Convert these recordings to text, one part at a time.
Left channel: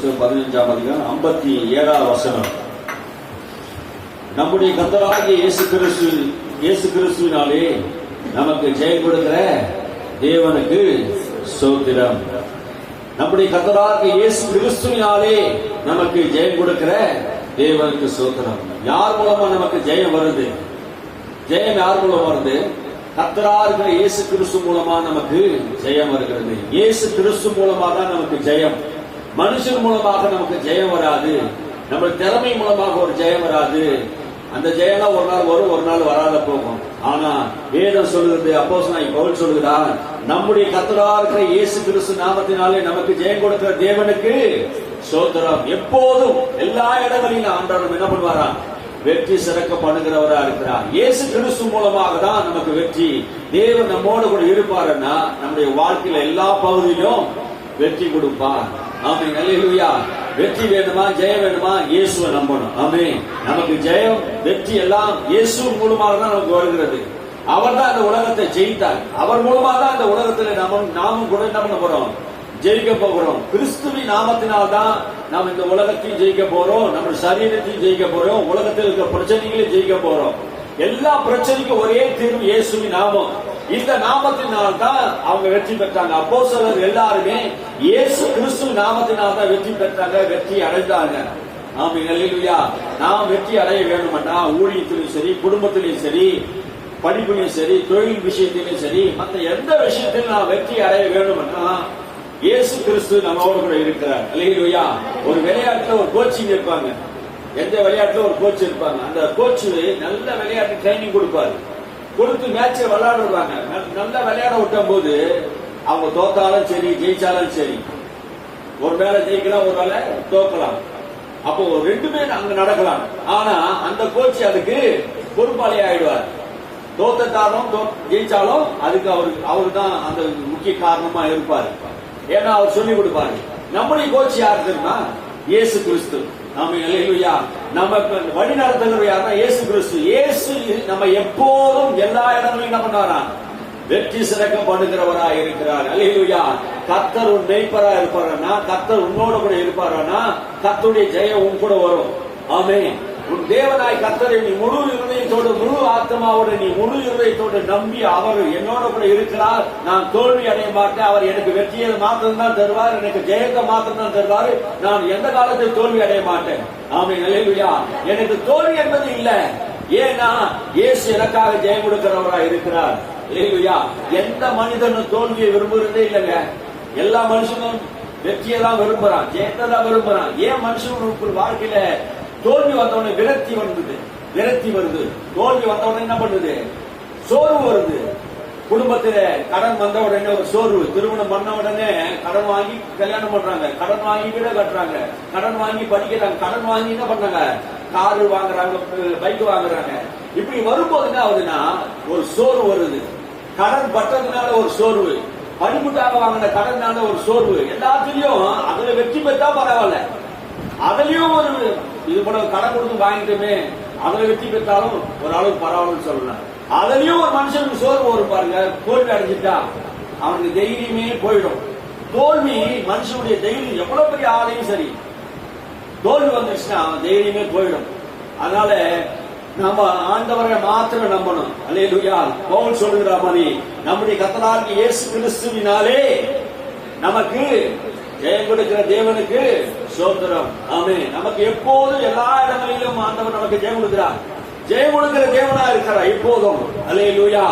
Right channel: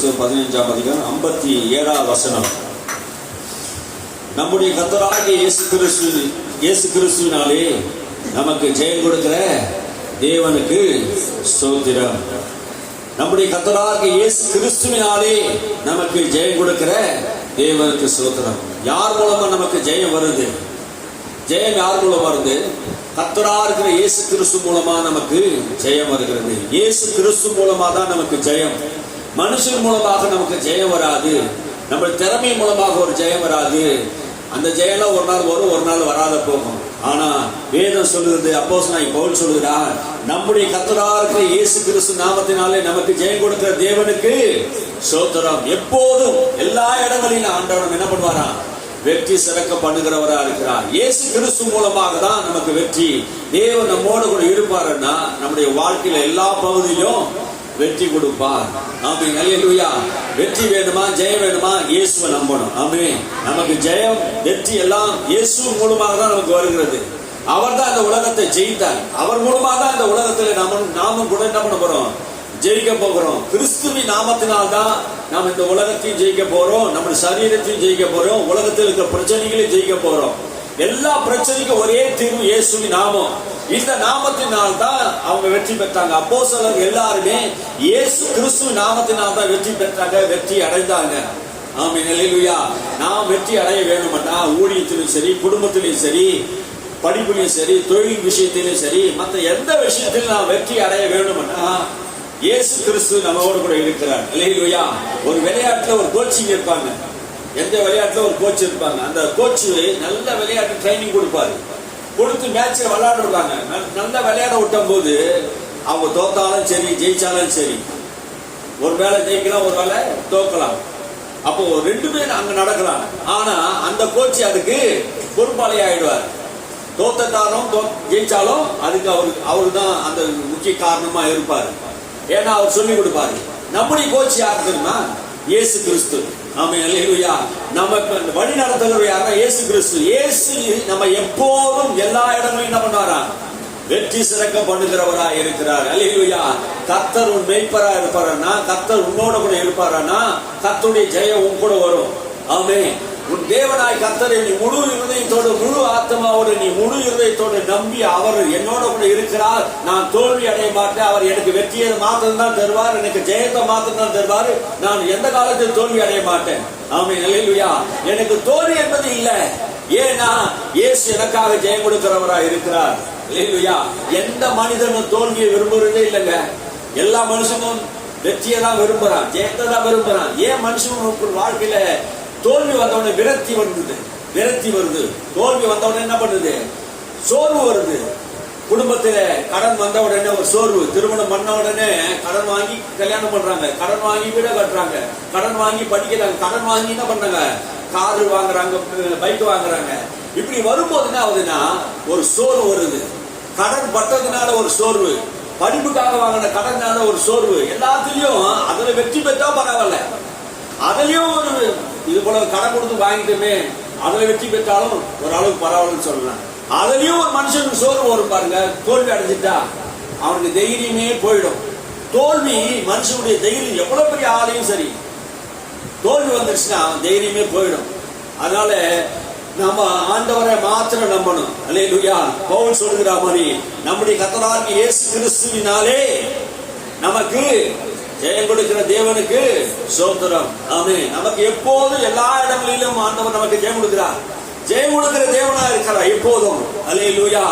புத்தகம் 15ஆம் அதிகாரம் 57ஆம் வசனம். நம்முடைய கர்த்தராகிய இயேசு கிறிஸ்துவினாலே நமக்கு ஜெயம் கொடுக்கிற தேவனுக்கு ஸ்தோத்திரம். நம்முடைய கர்த்தராகிய இயேசு கிறிஸ்துவினாலே நமக்கு ஜெயம் கொடுக்கிற தேவனுக்கு ஸ்தோத்திரம். யார் மூலமா நமக்கு ஜெயம் வருது? ஜெயம் யார் மூலமா வருது? கர்த்தரா இருக்கிற இயேசு கிறிஸ்து மூலமா நமக்கு ஜெயம் வருகிறது. இயேசு கிறிஸ்து மூலமா தான் நமக்கு ஜெயம். மனுஷன் மூலமாக நமக்கு ஜெயம் வராது. நம்ம திறமை மூலமாக ஒரு ஜெயம் வராது. அந்த ஜெயம்லாம் ஒரு நாள் வரும், ஒரு நாள் வராத போகும். ஆனா வேதம் சொல்லுகிறது, அப்போஸ்தலனாகிய பவுல் சொல்லுகிறார், நம்முடைய கர்த்தரா இருக்கிற இயேசு கிறிஸ்து நாமத்தினாலே நமக்கு ஜெயம் கொடுக்கிற தேவனுக்கு ஸ்தோத்திரம். எப்போதும் எல்லா இடங்களிலும் ஆண்டவர் என்ன பண்ணுவாராம்? வெற்றி சிறக்க பண்ணுகிறவரா இருக்கிறார். இயேசு கிறிஸ்து மூலமாக தான் நமக்கு வெற்றி. தேவன் நம்மோடு கூட இருப்பாருன்னா நம்முடைய வாழ்க்கையில எல்லா பகுதியிலும் வெற்றி கொடுப்பார். ஆமென், அல்லேலூயா. வெற்றி வேணுமா, ஜெயம் வேணுமா? இயேசுவை நம்பணும். ஆமென். நமக்கு ஜெயம், வெற்றி எல்லாம் இயேசு மூலமாக தான் நமக்கு வருகிறது. அவர் தான் இந்த உலகத்தை ஜெயித்தார். அவர் மூலமாக தான் இந்த உலகத்துல நாமும் கூட என்ன பண்ண போறோம்? ஜெயிக்க போகிறோம். கிறிஸ்துவின் நாமத்தினால் தான் நாம் இந்த உலகத்தையும் ஜெயிக்க போறோம், நம்ம சரீரத்தையும் ஜெயிக்க போறோம், உலகத்தில் இருக்கிற பிரச்சனைகளையும் ஜெயிக்க போறோம். எல்லா பிரச்சனைக்கும் ஒரே தீர்வு இயேசுவின் நாமம். இந்த நாமத்தினால் தான் அவங்க வெற்றி பெற்றாங்க. அப்போஸ்தலர் எல்லாருமே இயேசு கிறிஸ்துவின் நாமத்தினால் தான் வெற்றி பெற்றாங்க, வெற்றி அடைந்தாங்க. ஆமென், அல்லேலூயா. நாம் வெற்றி அடைய வேணும்னா ஊழியத்திலும் சரி, குடும்பத்திலும் சரி, படிப்பிலும் சரி, தொழில் விஷயத்திலும் சரி, மற்ற எந்த விஷயத்திலும் நாம் வெற்றி அடைய வேணும்னா இயேசு கிறிஸ்து நம்மோடு கூட இருக்கிறார். அல்லேலூயா. ஒரு விளையாட்டுல ஒரு கோச்சிங் இருப்பாங்க. எந்த விளையாட்டுல ஒரு கோச் இருப்பாங்க. அந்த கோச் நல்ல விளையாட்டு ட்ரைனிங் கொடுப்பாரு. கொடுத்து மேட்ச் விளையாட விடுவாங்க. நல்ல விளையாட விட்டும் போது அவங்க தோத்தாலும் சரி, ஜெயிச்சாலும் சரி, ஒரு வேளை ஜெயிக்கலாம், ஒரு வேளை தோக்கலாம். அப்போ ரெண்டுமே அங்க நடக்கலாம். ஆனா அந்த கோச் அதுக்கு பொறுப்பாளி ஆயிடுவார். தோத்தாலும் ஜெயிச்சாலும் அதுக்கு அவரு தான் அந்த முக்கிய காரணமா இருப்பாரு. ஏன்னா அவர் சொல்லி கொடுப்பாரு. நம்முடைய கோச் யார் தெரியுமா? இயேசு கிறிஸ்து. ஆமென், அல்லேலூயா. நம்ம வழி நடத்துகிறவர் யாருன்னா இயேசு கிறிஸ்து. இயேசு நம்ம எப்போதும் எல்லா இடங்களிலும் என்ன பண்ணாரா? வெற்றி சிறக்க பண்ணுகிறவரா இருக்கிறார். அல்லேலூயா. கர்த்தர் உன் மேய்ப்பரா இருப்பாரா? கர்த்தர் உன்னோட கூட இருப்பாரா? கர்த்தருடைய ஜெயம் உன் கூட வரும். ஆமென். உன் தேவனாய் கர்த்தரை நீ முழு இருதயத்தோடு, முழு ஆத்மாவோடு, நீ முழு இருதயத்தோடு நம்பி அவர் என்னோட கூட இருக்கிறார், நான் தோல்வி அடைய மாட்டேன், அவர் எனக்கு வெற்றியை மாத்திரம் தான் தருவார், எனக்கு ஜெயத்தை மாத்திரம் தான் தருவார், நான் எந்த காலத்தில் தோல்வி அடைய மாட்டேன். ஆமென், அல்லேலூயா. எனக்கு தோல்வி என்பது இல்லை. ஏன்னா இயேசு எனக்காக ஜெயம் கொடுக்கிறவராக இருக்கிறார். அல்லேலூயா. எந்த மனிதனும் தோல்வியை விரும்புறதே இல்லைங்க. எல்லா மனுஷனும் வெற்றியை தான் விரும்புறான், ஜெயத்தை தான் விரும்புறான். ஏன் மனுஷன் வாழ்க்கையில தோல்வி வந்தவுடனே விரக்தி வருது. தோல்வி வந்தவுடனே என்ன பண்ணுது? சோர்வு வருது. குடும்பத்தில கடன் வந்த உடனே ஒரு சோர்வு. திருமணம் பண்ண உடனே கடன் வாங்கி கல்யாணம் பண்றாங்க, கடன் வாங்கி வீடு கட்டுறாங்க, கடன் வாங்கி படிக்கிறாங்க, கடன் வாங்கி என்ன பண்றாங்க? காரு வாங்குறாங்க, பைக் வாங்குறாங்க. இப்படி வரும்போது என்ன ஆகுதுன்னா ஒரு சோர்வு வருது. கடன் பட்டதுனால ஒரு சோர்வு, படிப்புக்காக வாங்கின கடனால ஒரு சோர்வு. எல்லாத்திலையும் அதுல வெற்றி பெற்றா பரவாயில்ல, அதுலயும் ஒரு இது போல கடன் கொடுத்து வாங்கிட்டுமே அதுல வெற்றி பெற்றாலும் ஒரு அளவுக்கு பரவாயில்லன்னு சொல்லலாம். அதுலயும் ஒரு மனுஷனுக்கு சோர்வு வரும் பாருங்க. தோல்வி அடைஞ்சிட்டா அவனுக்கு தைரியமே போயிடும். தோல்வி மனுஷனுடைய தைரியம், எவ்வளவு பெரிய ஆளையும் சரி, தோல்வி வந்துருச்சுன்னா அவன் தைரியமே போயிடும். அதனால நம்ம ஆண்டவரை மாத்திரம் நம்பணும். அல்லேலூயா. பவுல் சொல்லுகிற மாதிரி நம்முடைய கர்த்தராகிய இயேசு கிறிஸ்துவினாலே நமக்கு ஜெயம் கொடுக்கிற தேவனுக்கு ஸ்தோத்திரம். ஆமென். நமக்கு எப்போதும் எல்லா இடங்களிலும் ஆண்டவர் நமக்கு ஜெயம் கொடுக்கிறார். ஜெயம் கொடுக்கிற தேவனா இருக்கிறார் எப்போதும். அல்லேலூயா.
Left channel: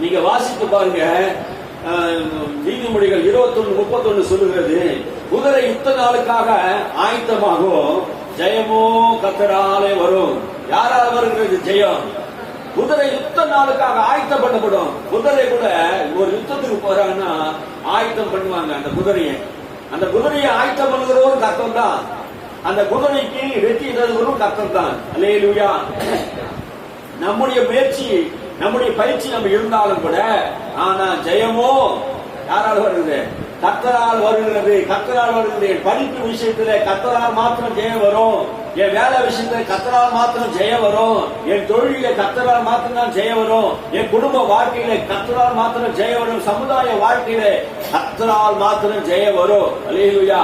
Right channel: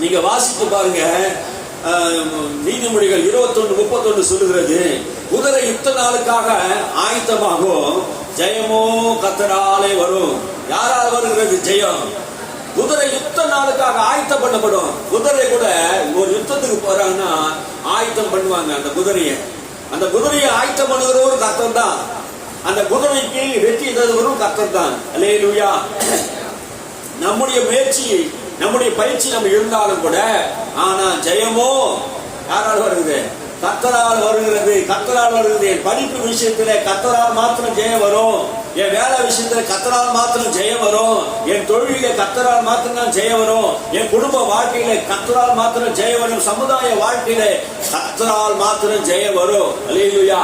நீங்க வாசித்து பாருங்க. நீதிமொழிகள் 21:31 சொல்லுகிறது, குதிரை யுத்த நாளுக்காக ஆயத்தமாகும், ஜெயமோ கர்த்தராலே வரும். யாரால் வருகிறது ஜெயம்? குதிரை யுத்த நாளுக்காக ஆயத்தம் பண்ணப்படும். குதிரை கூட ஒரு யுத்தத்துக்கு போறாங்கன்னா ஆயத்தம் பண்ணுவாங்க. அந்த குதிரையை ஆயத்தம் பண்ணுகிறவரும் கர்த்தர் தான். அந்த குதிரைக்கு வெற்றி தருவரும் கர்த்தர் தான். அல்லேலூயா. நம்முடைய முயற்சி, நம்முடைய பயிற்சி நம்ம இருந்தாலும் கூட, ஆனா ஜெயமோ யாரால் வருகிறது? கர்த்தரால் வருகிறது. கர்த்தரால் வருகிறது. என் படிப்பு விஷயத்துல கர்த்தரால் மாத்திரம் ஜெயம் வரும். என் வேலை விஷயத்துல கர்த்தரால் மாத்திரம் ஜெயம் வரும். என் தொழில கர்த்தரால் மாத்திரம் தான் ஜெயம் வரும். என் குடும்ப வாழ்க்கையில கர்த்தரால் மாத்திரம் ஜெயம் வரும். சமுதாய வாழ்க்கையில கர்த்தரால் மாத்திரம் ஜெயம் வரும். அல்லேலூயா.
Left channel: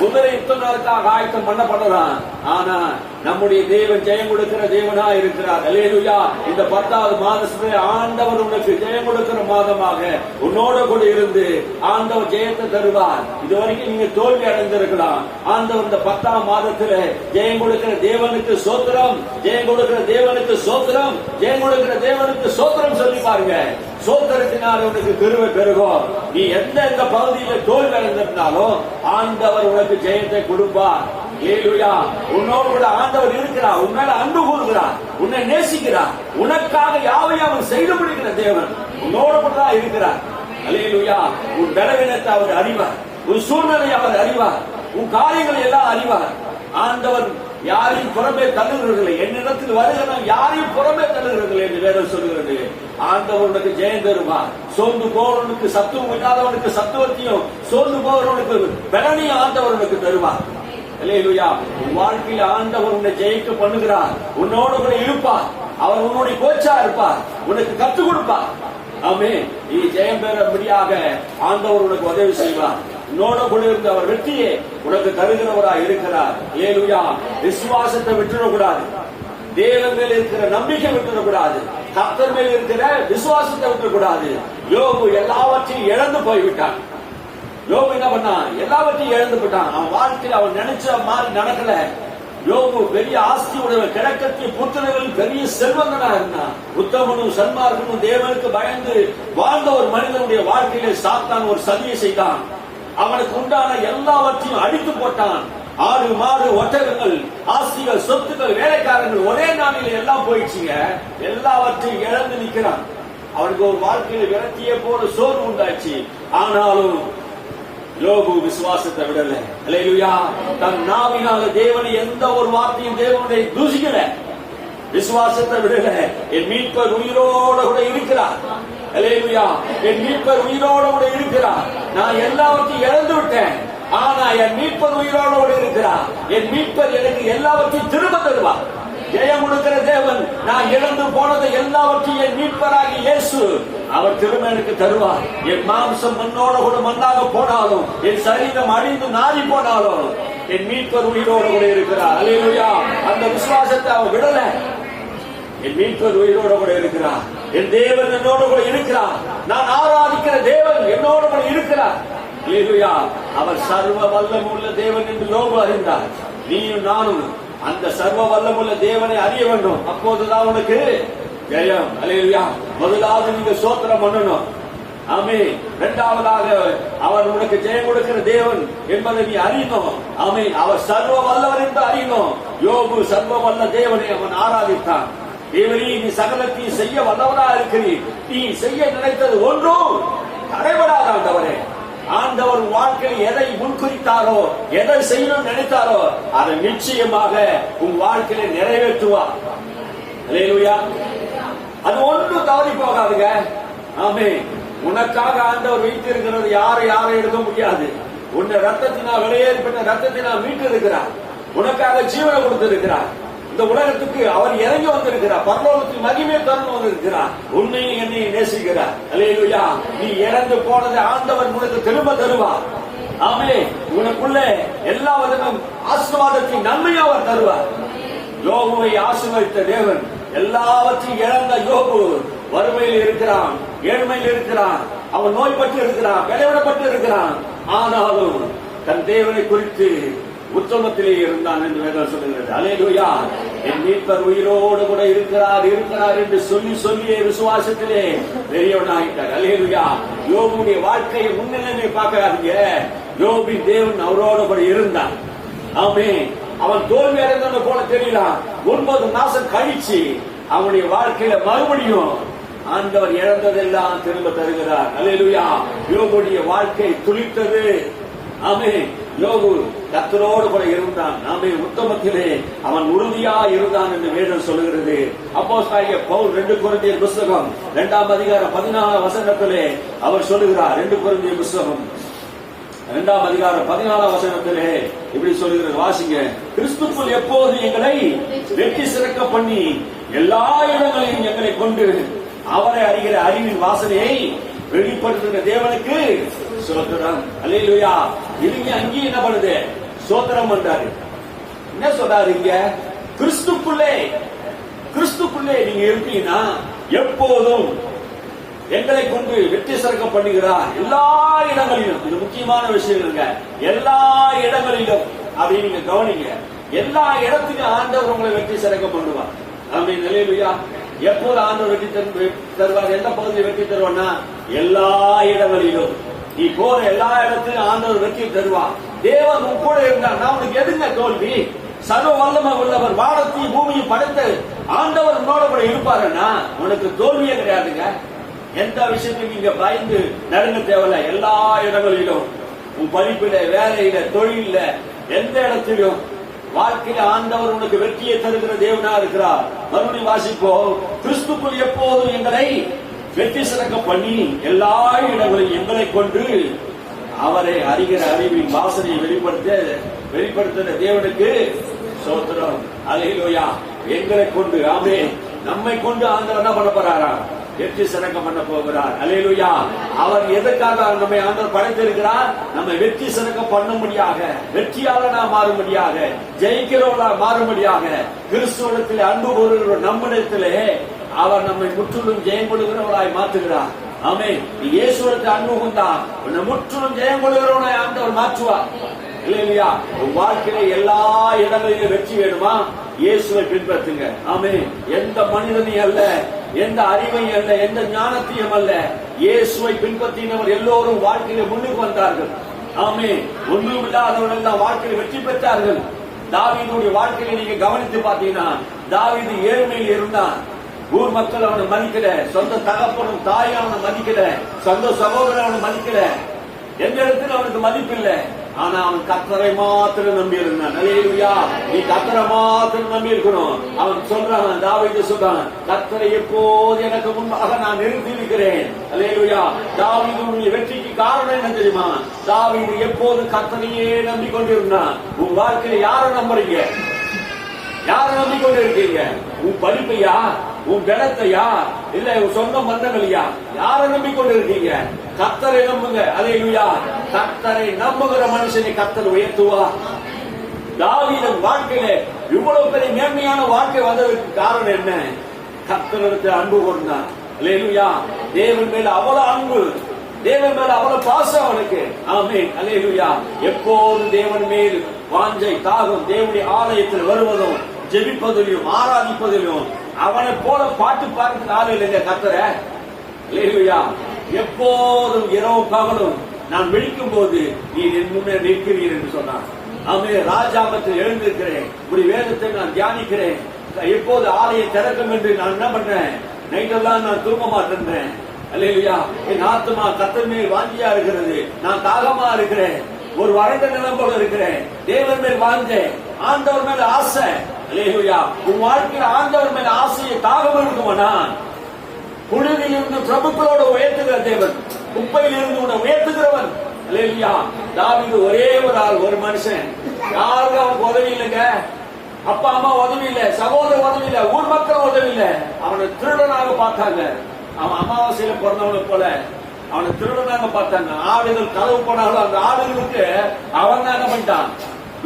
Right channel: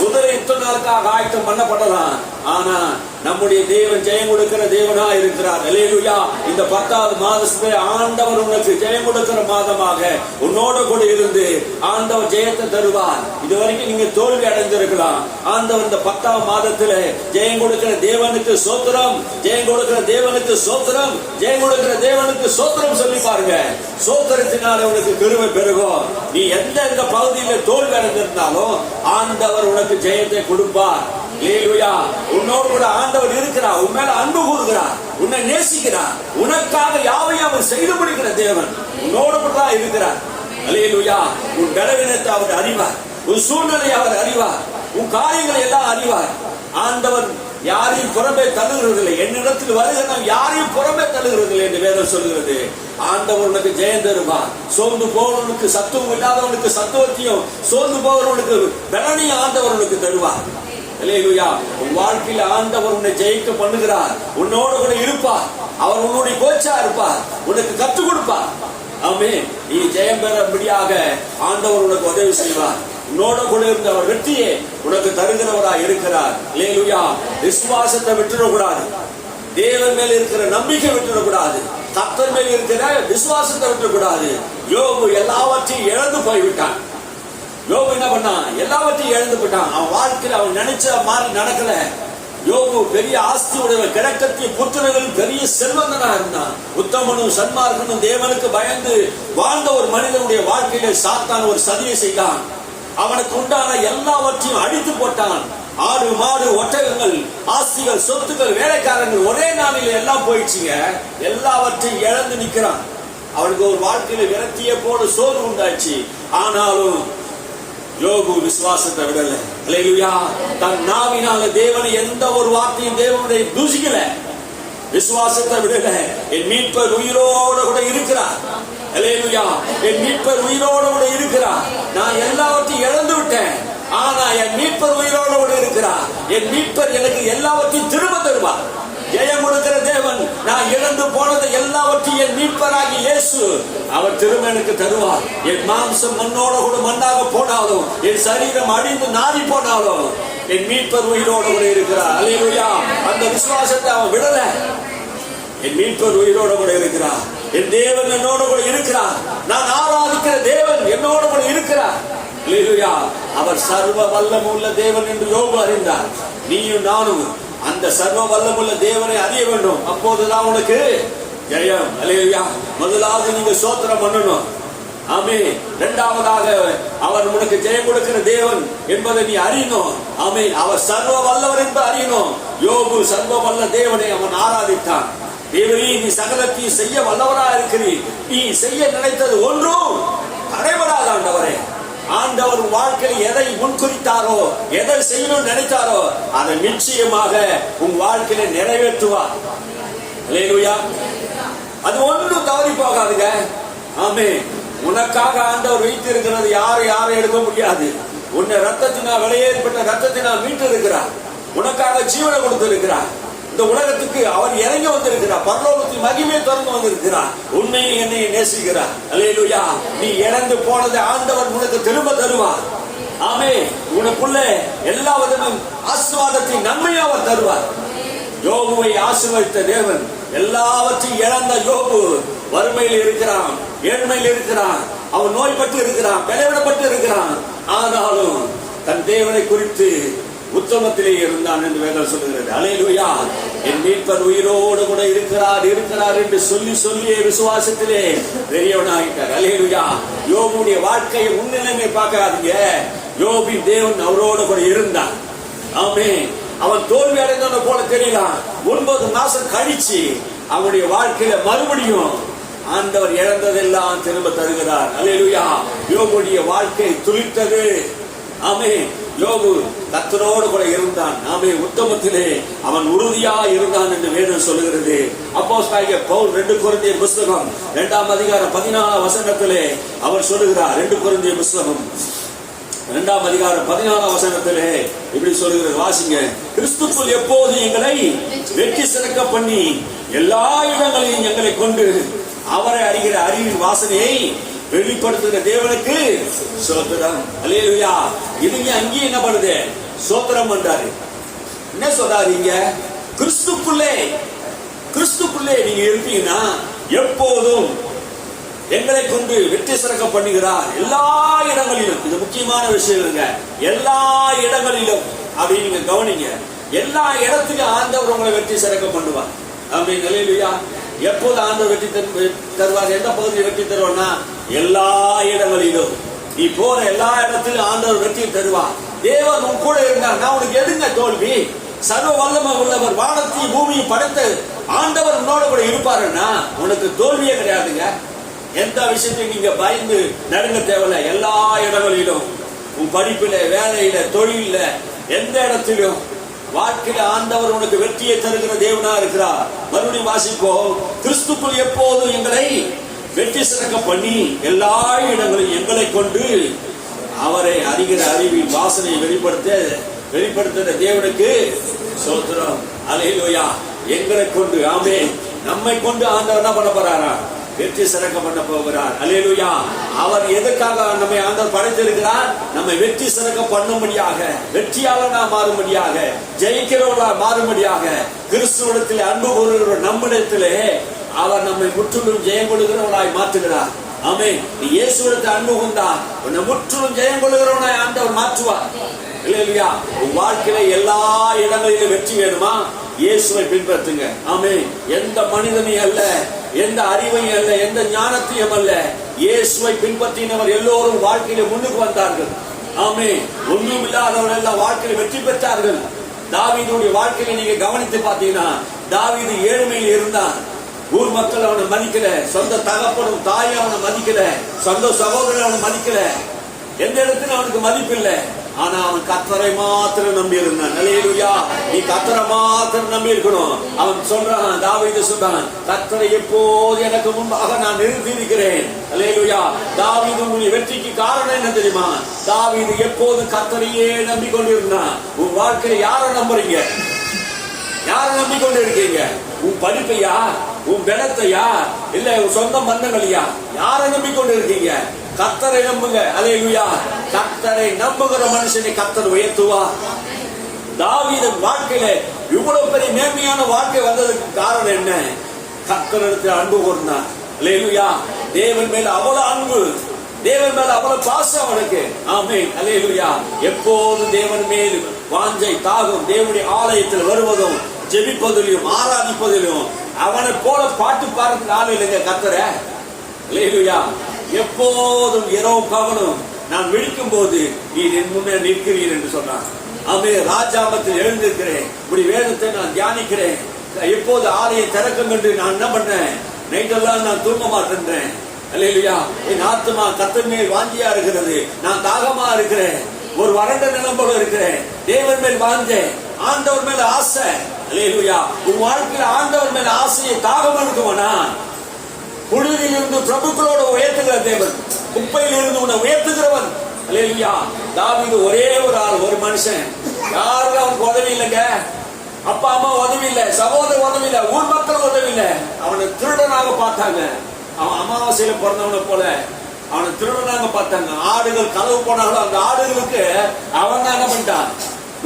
குதிரை யுத்தங்களுக்காக ஆயத்தம் பண்ணப்படலாம். ஆனா நம்முடைய தேவன் ஜெயம் கொடுக்கிற தேவனா இருக்கிறார். அல்லேலூயா. இந்த 10வது மாதத்திலே ஆண்டவர் உனக்கு ஜெயம் கொடுக்கிற மாதமாக உன்னோட கூட இருந்து ஆண்டவர் ஜெயத்தை தருவார். இதுவரைக்கும் நீங்க தோல்வி அடைந்திருக்கலாம். ஆண்டவர் இந்த 10ஆம் மாதத்திலே ஜெயம் கொடுக்கிற தேவனுக்கு சோத்திரம், ஜெயம் கொடுக்கிற தேவனுக்கு சோத்திரம், ஜெயம் கொடுக்கிற தேவனுக்கு சோத்திரம் சொல்லி பாருங்க. சோத்திரத்தினால உனக்கு கிருபை பெருகும். நீ எந்த பகுதியில தோல்வி அடைந்திருந்தாலும் ஆண்டவர் உனக்கு ஜெயத்தை கொடுப்பார். அல்லேலூயா. உன்னோடு கூட ஆண்டவர் இருக்கிறார், உன் மேல அன்பு கூறுகிறார், உன்னை நேசிக்கிறார், உனக்காக யாவையும் அவர் செய்து முடிக்கிற தேவன் உன்னோடு கூட தான் இருக்கிறார். அல்லேலூயா. உன் பலவீனத்தை அவர் அறிவார், உன் சூழ்நிலையை அவர் அறிவார், உன் காரியங்களை எல்லாம் அறிவார். ஆண்டவர் யாரையும் புறம்பே தள்ளுகிறதில்லை. என்னிடத்தில் வருகிற யாரையும் புறம்பே தள்ளுகிறதில்லை என்று வேதம் சொல்கிறது. ஆண்டவர் உனக்கு ஜெயம் தருவார். சோர்ந்து போவனுக்கு சத்துவம் இல்லாதவனுக்கு சத்துவத்தையும், சோர்ந்து போவனுக்கு பலனையும் ஆண்டவர் உனக்கு தருவார். அல்லேலூயா. உன் வாழ்க்கையில் ஆண்டவர் உன்னை ஜெயிக்க பண்ணுகிறார். உன்னோடு கூட இருப்பார். அவர் உன்னுடைய கோச்சா இருப்பார், உனக்கு கற்றுக் கொடுப்பார். ஆமென். நீ ஜெயம் பெறும்படியாக ஆண்டவர் உனக்கு உதவி செய்வார். உன்னோட கூட இருந்து அவர் வெற்றியை உனக்கு தருகிறவராய் இருக்கிறார். அல்லேலூயா. விசுவாசத்தை விட்டுறக்கூடாது. தேவன் மேல் இருக்கிற நம்பிக்கை விட்டுறக்கூடாது. கர்த்தர் மேல் இருக்கிற விசுவாசத்தை விட்டுறக்கூடாது. யோபு எல்லாவற்றையும் இழந்து போய்விட்டான். யோபு என்ன பண்ணான்? எல்லாவற்றையும் இழந்து போட்டான். அவன் வாழ்க்கையில் அவன் நினைச்ச மாதிரி நடக்கல. யோபு பெரிய ஆஸ்தி உடையவன், கிழக்கத்திய புத்திரர்கள் பெரிய செல்வந்தனா இருந்தான். உத்தமனும் சன்மார்க்கனும் தேவனுக்கு பயந்து வாழ்ந்த ஒரு மனிதனுடைய வாழ்க்கையிலே சாத்தான் ஒரு சதியை செய்தான். அவனுக்கு உண்டான எல்லாவற்றையும் அடித்து போட்டான். ஆடு மாடு ஒட்டகங்கள், ஆஸ்திகள், சொத்துக்கள், வேலைக்காரங்கள் ஒரே நாளில் எல்லாம் போயிடுச்சுங்க. எல்லாவற்றையும் இழந்து நிற்கிறான். அவனுக்கு ஒரு வாழ்க்கையில விரக்தியை போல சோர்வு உண்டாச்சு. ஆனாலும் யோபு விசுவாசத்தை விடல. அல்லேலூயா. தன் நாவினால தேவனை எந்த ஒரு வார்த்தையும் தேவனுடைய தூசிக்கல. விசுவாசத்தை விடல. என் மீட்பர் உயிரோட கூட இருக்கிறார். அல்லேலூயா. என் மீட்பர் உயிரோட கூட இருக்கிறார். நான் எல்லாவற்றையும் இழந்து விட்டேன், ஆனா என் மீட்பர் உயிரோட கூட இருக்கிறார். என் மீட்பர் எனக்கு எல்லாவற்றையும் திரும்ப தருவார். ஜெயம் கொடுக்கிற தேவன். நான் இழந்து போனதை எல்லாவற்றையும் என் மீட்பராகி இயேசு அவர் திரும்ப எனக்கு தருவார். என் மாம்சம் மண்ணோட கூட மண்ணாக போனாலும், என் சரீரம் அழிந்து நாரி போனாலும் என் மீட்பர் உயிரோட கூட இருக்கிறார். அல்லேலூயா. அந்த விசுவாசத்தை அவன் விடல. என் மீட்பர் உயிரோட கூட இருக்கிறார். என் தேவன் என்னோட கூட இருக்கிறார். நான் ஆராதிக்கிற தேவன் என்னோட கூட இருக்கிறார். அல்லேலூயா. அவர் சர்வ வல்லமுள்ள தேவன் என்று யோபு அறிந்தார். நீயும் நானும் அந்த சர்வ வல்லமுள்ள தேவனை அறிய வேண்டும். அப்போதுதான் உனக்கு ஜெயம். அல்லேலூயா. முதலாவது நீங்க ஸ்தோத்திரம் பண்ணணும். ஆமென். இரண்டாவதாக அவர் உனக்கு ஜெயம் கொடுக்கிற தேவன் என்பதை நீ அறியணும். ஆமென். அவர் சர்வ வல்லவர் என்று அறியணும். யோபு சர்வ வல்ல தேவனை அவன் ஆராதித்தான். தேவனே, நீ சகலத்தையும் செய்ய வல்லவராக இருக்கிறீர். நீ செய்ய நினைத்தது ஒன்றும் தடைபடாத ஆண்டவரே. ஆண்டவர் வாழ்க்கையில் எதை முன்குறித்தாரோ, எதை செய்யணும்னு நினைத்தாரோ அதை நிச்சயமாக உன் வாழ்க்கையில நிறைவேற்றுவார். அல்லேலூயா. அது ஒன்றும் தவறி போகாதுங்க. ஆமென். உனக்காக ஆண்டவர் வைத்து இருக்கிறது யாரை எடுக்க முடியாது. உன்னை ரத்தத்தினால் விலையேறப்பட்ட ரத்தத்தினால் மீட்டு இருக்கிறார். உனக்காக ஜீவனை கொடுத்து இருக்கிறார். இந்த உலகத்துக்கு அவர் இறங்கி வந்திருக்கிறார். பரலோகத்தின் மகிமையை திறந்து வந்திருக்கிறார். உண்மையை என்னை நேசிக்கிறார். அல்லேலூயா. நீ இழந்து போனதை ஆண்டவர் உனக்கு திரும்ப தருவார். ஆமென். உனக்குள்ள எல்லா விதமும் ஆசீர்வாதத்தின் நன்மையை அவர் தருவார். யோபுவை ஆசீர்வதித்த தேவன். எல்லாவற்றையும் இழந்த யோபு வறுமையில் இருக்கிறான், ஏழ்மையில் இருக்கிறான், அவன் நோய்பட்டு இருக்கிறான், விளைவிடப்பட்டு இருக்கிறான். ஆனாலும் தன் தேவனை குறித்து உத்தமத்திலே இருந்தான் என்று வேதம் சொல்லுகிறது. அல்லேலூயா. என் மீட்பர் உயிரோடு கூட இருக்கிறார் என்று சொல்லியே விசுவாசத்திலே பெரியவனாகிட்டார். அல்லேலூயா. யோபுடைய வாழ்க்கையை முன்னிலைமை பார்க்காதீங்க. யோபின் தேவன் அவரோடு கூட இருந்தார். ஆமென். அவன் தோல்வி அடைந்தவன போல தெரியலாம். 9 மாசம் கழிச்சு அவனுடைய வாழ்க்கையில மறுபடியும் ஆண்டவர் இழந்ததெல்லாம் திரும்ப தருகிறார். அல்லேலூயா. யோபுடைய வாழ்க்கை துளிர்த்தது. ஆமென். யோபு கர்த்தரோடு கூட இருந்தான். ஆமென். உத்தமத்திலே அவன் உறுதியா இருந்தான் என்று வேதம் சொல்லுகிறது. அப்போஸ்தலனாகிய பவுல் 2 கொரிந்தியர் புத்தகம் 2ஆம் அதிகாரம் 14ஆம் வசனத்திலே அவர் சொல்லுகிறார். 2 கொரிந்தியர் புத்தகம் 2ஆம் அதிகாரம் 14ஆம் வசனத்திலே இப்படி சொல்லுகிறது. வாசிங்க. கிறிஸ்துவுக்குள் எப்போது எங்களை வெற்றி சிறக்க பண்ணி எல்லா இடங்களிலும் எங்களை கொண்டு அவரை அறிகிற அறிவின் வாசனையை வெளிப்படுத்துகிற தேவனுக்கு ஸ்தோத்திரம். அல்லேலூயா. இதுங்க அங்கேயும் என்ன பண்ணுது? சோத்திரம் பண்றாரு. என்ன சொல்றாரு இங்க? கிறிஸ்துக்குள்ளே நீங்க இருப்பீங்கன்னா எப்போதும் எங்களை கொண்டு வெற்றி சிறக்க பண்ணுகிறார் எல்லா இடங்களிலும். இது முக்கியமான விஷயம். எல்லா இடங்களிலும் அப்படின்னு நீங்க கவனிங்க. எல்லா இடத்திலும் ஆண்டவர் உங்களை வெற்றி சிறக்க பண்ணுவார். அப்படின்னு நிலையிலையா எப்போது ஆண்டவர் வெற்றி தருவார்? எந்த பகுதியை வெற்றி தருவார்னா எல்லா இடங்களிலும். நீ போற எல்லா இடத்திலும் ஆண்டவர் வெற்றி தருவார். தேவன் உன் கூட இருந்தா உனக்கு எதுங்க தோல்வி? சர்வ வல்லமை உள்ளவர், வானத்தையும் பூமியும் படைத்த ஆண்டவர் உன்னோட கூட இருப்பாருன்னா உனக்கு தோல்வியே கிடையாதுங்க. எந்த விஷயத்தையும் நீங்க பயந்து நடுங்க தேவையில்ல. எல்லா இடங்களிலும், உன் படிப்புல, வேலையில, தொழில, எந்த இடத்திலும் வாழ்க்கையில ஆண்டவர் உனக்கு வெற்றியை தருகிற தேவனா இருக்கிறார். மறுபடியும் வாசிப்போம். கிறிஸ்துக்குள் எப்போதும் எங்களை வெற்றி சிறக்க பண்ணி எல்லா இடங்களிலும் எங்களை கொண்டு அவரை அறிகிற அறிவின் வாசனையை வெளிப்படுத்த தேவனுக்கு ஸ்தோத்திரம். அல்லேலூயா. எங்களை கொண்டு, ஆமென், நம்மை கொண்டு ஆண்டவர் என்ன பண்ண போறாரா? வெற்றி சிறக்க பண்ண போகிறார். அல்லேலூயா. அவர் எதற்காக நம்மை ஆண்டவர் படைத்திருக்கிறார்? நம்மை வெற்றி சிறக்க பண்ணும்படியாக, வெற்றியாளனா மாறும்படியாக, ஜெயிக்கிறவர்களா மாறும்படியாக, கிறிஸ்துவிடத்தில் அன்பு கூறுகிற நம்மிடத்திலே அவர் நம்மை முற்றிலும் ஜெயம் கொள்கிறவர்களாய் மாற்றுகிறார். ஆமென். நீ இயேசுவிடத்தில் அன்பு கொண்டா உன்னை முற்றிலும் ஜெயம் கொள்கிறவனாய் ஆண்டவர் மாற்றுவார். அல்லேலூயா. உன் வாழ்க்கையில எல்லா இடங்களிலும் வெற்றி வேணுமா? இயேசுவை பின்பற்றுங்க. ஆமென். எந்த மனிதனையும் அல்ல, எந்த அறிவையும் அல்ல, எந்த ஞானத்தையும் அல்ல, இயேசுவை பின்பற்றினவர் எல்லோரும் வாழ்க்கையில முன்னுக்கு வந்தார்கள். ஆமென். ஒன்றும் இல்லாதவர் எல்லாம் வாழ்க்கையில வெற்றி பெற்றார்கள். தாவீதுடைய வாழ்க்கையில நீங்க கவனித்து பார்த்தீங்கன்னா, தாவீது ஏழ்மையில் இருந்தான். ஊர் மக்கள் அவனை மதிக்கல, சொந்த தகப்பனும் தாயும் அவனை மதிக்கல, சொந்த சகோதரன் அவனை மதிக்கல, எந்த இடத்துல அவனுக்கு மதிப்பு இல்லை. ஆனா அவன் கர்த்தரை மாத்திரம் நம்பி இருந்தான். அல்லேலூயா. நீ கர்த்தரை மாத்திரம் நம்பி இருக்கணும். அவன் சொல்றான், தாவீது சொல்றான், கர்த்தரை எப்போது எனக்கு முன்பாக நான் நிறுத்தி இருக்கிறேன். அல்லேலூயா. தாவீதுடைய வெற்றிக்கு காரணம் என்ன தெரியுமா? தாவீது எப்போது கர்த்தரையே நம்பிக்கொண்டிருந்தான். உன் வாழ்க்கையில யாரை நம்புறீங்க? யாரை நம்பிக்கொண்டு இருக்கீங்க? உன் படிப்பையா? உன் பலத்தையா? இல்ல உன் சொந்த பந்தங்களையா? யாரை நம்பிக்கொண்டு இருக்கீங்க? கர்த்தரை நம்புங்க. அல்லேலூயா. கர்த்தரை நம்புகிற மனுஷனை கர்த்தர் உயர்த்துவார். தாவீது வாழ்க்கையில இவ்வளவு பெரிய மேன்மையான வாழ்க்கை வந்ததுக்கு காரணம் என்ன? கர்த்தரிடத்தில் அன்பு கூர்ந்தான். அல்லேலூயா. தேவன் மேல அவ்வளவு அன்பு, தேவன் மேல அவ்வளவு பாசம் அவனுக்கு. ஆமென். அல்லேலூயா. எப்போதும் தேவன் மேல் வாஞ்சை, தாகம், தேவனுடைய ஆலயத்தில் வருவதும், ஜெபிப்பதிலும், ஆராதிப்பதிலும், அவனை போல பாட்டு பாடுறதுக்கு ஆள் இல்லைங்க கர்த்தரை. அல்லேலூயா. எப்போதும் இரவு பகலும் நான் விழிக்கும் போது நீர் என் முன்னே நிற்கிறீர் என்று சொன்னார். ஆமென். ராஜாமத்தில் எழுந்திருக்கிறேன், இப்படி வேதத்தை நான் தியானிக்கிறேன். எப்போது ஆலயை திறக்கும் என்று நான் என்ன பண்ணேன்? நைட்டெல்லாம் நான் தூங்க மாட்டேன்றேன். அல்லேலூயா. என் ஆத்மா கர்த்தர் மேல் வாஞ்சியா இருக்கிறது. நான் தாகமா இருக்கிறேன். ஒரு வறண்ட நிலம் போல இருக்கிறேன். தேவன் மேல் வாஞ்சேன், ஆண்டவர் மேல ஆசை. அல்லேலூயா. உன் வாழ்க்கையில ஆண்டவர் மேல ஆசையை தாகம் இருக்குமானா, புழுதியில் இருந்து பிரபுக்களோட உயர்த்துகிற தேவன், குப்பையில் இருந்து உன்னை உயர்த்துகிறவன். அல்லேலூயா. தாவீது ஒரே ஒரு ஆள், ஒரு மனுஷன். யாருக்கும் அவனுக்கு உதவி இல்லைங்க. அப்பா அம்மா உதவி இல்லை, சகோதரர் உதவி இல்லை, ஊர் மக்கள் உதவி இல்லை. அவனை திருடனாக பார்த்தாங்க. அவன் அமாவாசையில பிறந்தவனை போல அவனை திருடனாக பார்த்தாங்க. ஆடுகள் கதவு போனாலும் அந்த ஆடுகளுக்கு அவன் தான் என்ன பண்ணிட்டான்?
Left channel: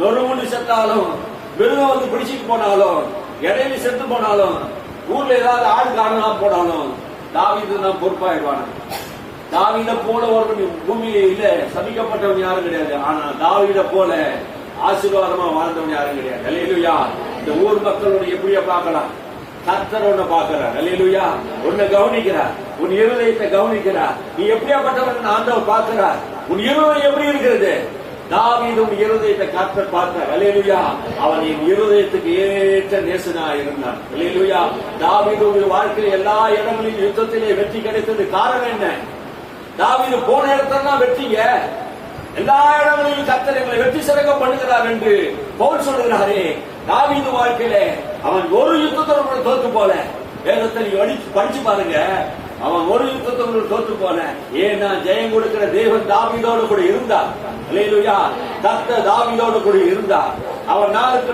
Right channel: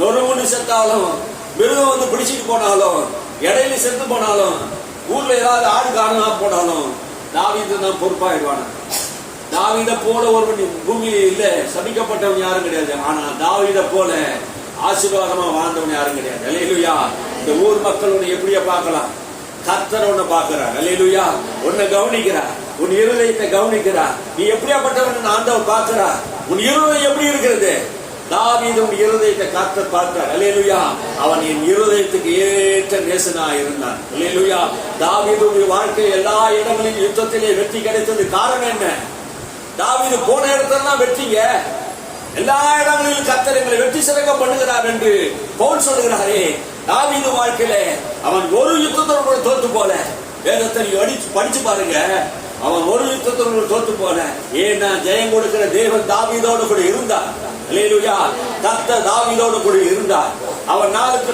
நொறுமுடி செத்தாலும், மிருகம் வந்து பிடிச்சிட்டு போனாலும், இடையில செத்து போனாலும், ஊர்ல ஏதாவது ஆடு காணா போனாலும் தாவீது தான் பொறுப்பாயிடுவான. தாவீத போல ஒருவன் பூமியில இல்ல, சபிக்கப்பட்டவன் யாரும் கிடையாது. ஆனா தாவீத போல ஆசீர்வாதமா வாழ்ந்தவன் யாரும் கிடையாது. அல்லேலூயா. இந்த ஊர் மக்கள் உன்னை எப்படியா பார்க்கலாம்? கர்த்தர் உன்னை பார்க்கிறார். அல்லேலூயா. உன்னை கவனிக்கிறார், உன் இருதயத்தை கவனிக்கிறார். நீ எப்படியாப்பட்டவன் ஆண்டவர் பார்க்கிறார். உன் இருதயம் எப்படி இருக்கிறது? தாவீது உன் இருதயத்தை கர்த்தர் பார்த்தார். அல்லேலூயா. அவன் என் இருதயத்துக்கு ஏற்ற நேசனா இருந்தான். அல்லேலூயா. தாவீதுடைய வாழ்க்கை எல்லா இடங்களிலும் யுத்தத்திலே வெற்றி கிடைத்தது காரணம் என்ன? தாவீது போன இடத்துல வெற்றிங்க. எல்லா இடங்களிலும் கர்த்தர் எங்களை வெற்றி சிறக்க பண்ணுகிறார் என்று பவுல் சொல்லுகிறாரே. தாவீது வாழ்க்கையில அவன் ஒரு யுத்தத்தோடு தோத்து போல. வேதத்தை படிச்சு பாருங்க. அவன் ஒரு யுத்தத்தோடு தோத்து போல. ஏன்னா ஜெயம் கொடுக்கிற தேவன் தாவீதோடு கூட இருந்தார். அல்லேலூயா. கர்த்தர் தாவீதோடு கூட இருந்தார். அவன் நாளுக்கு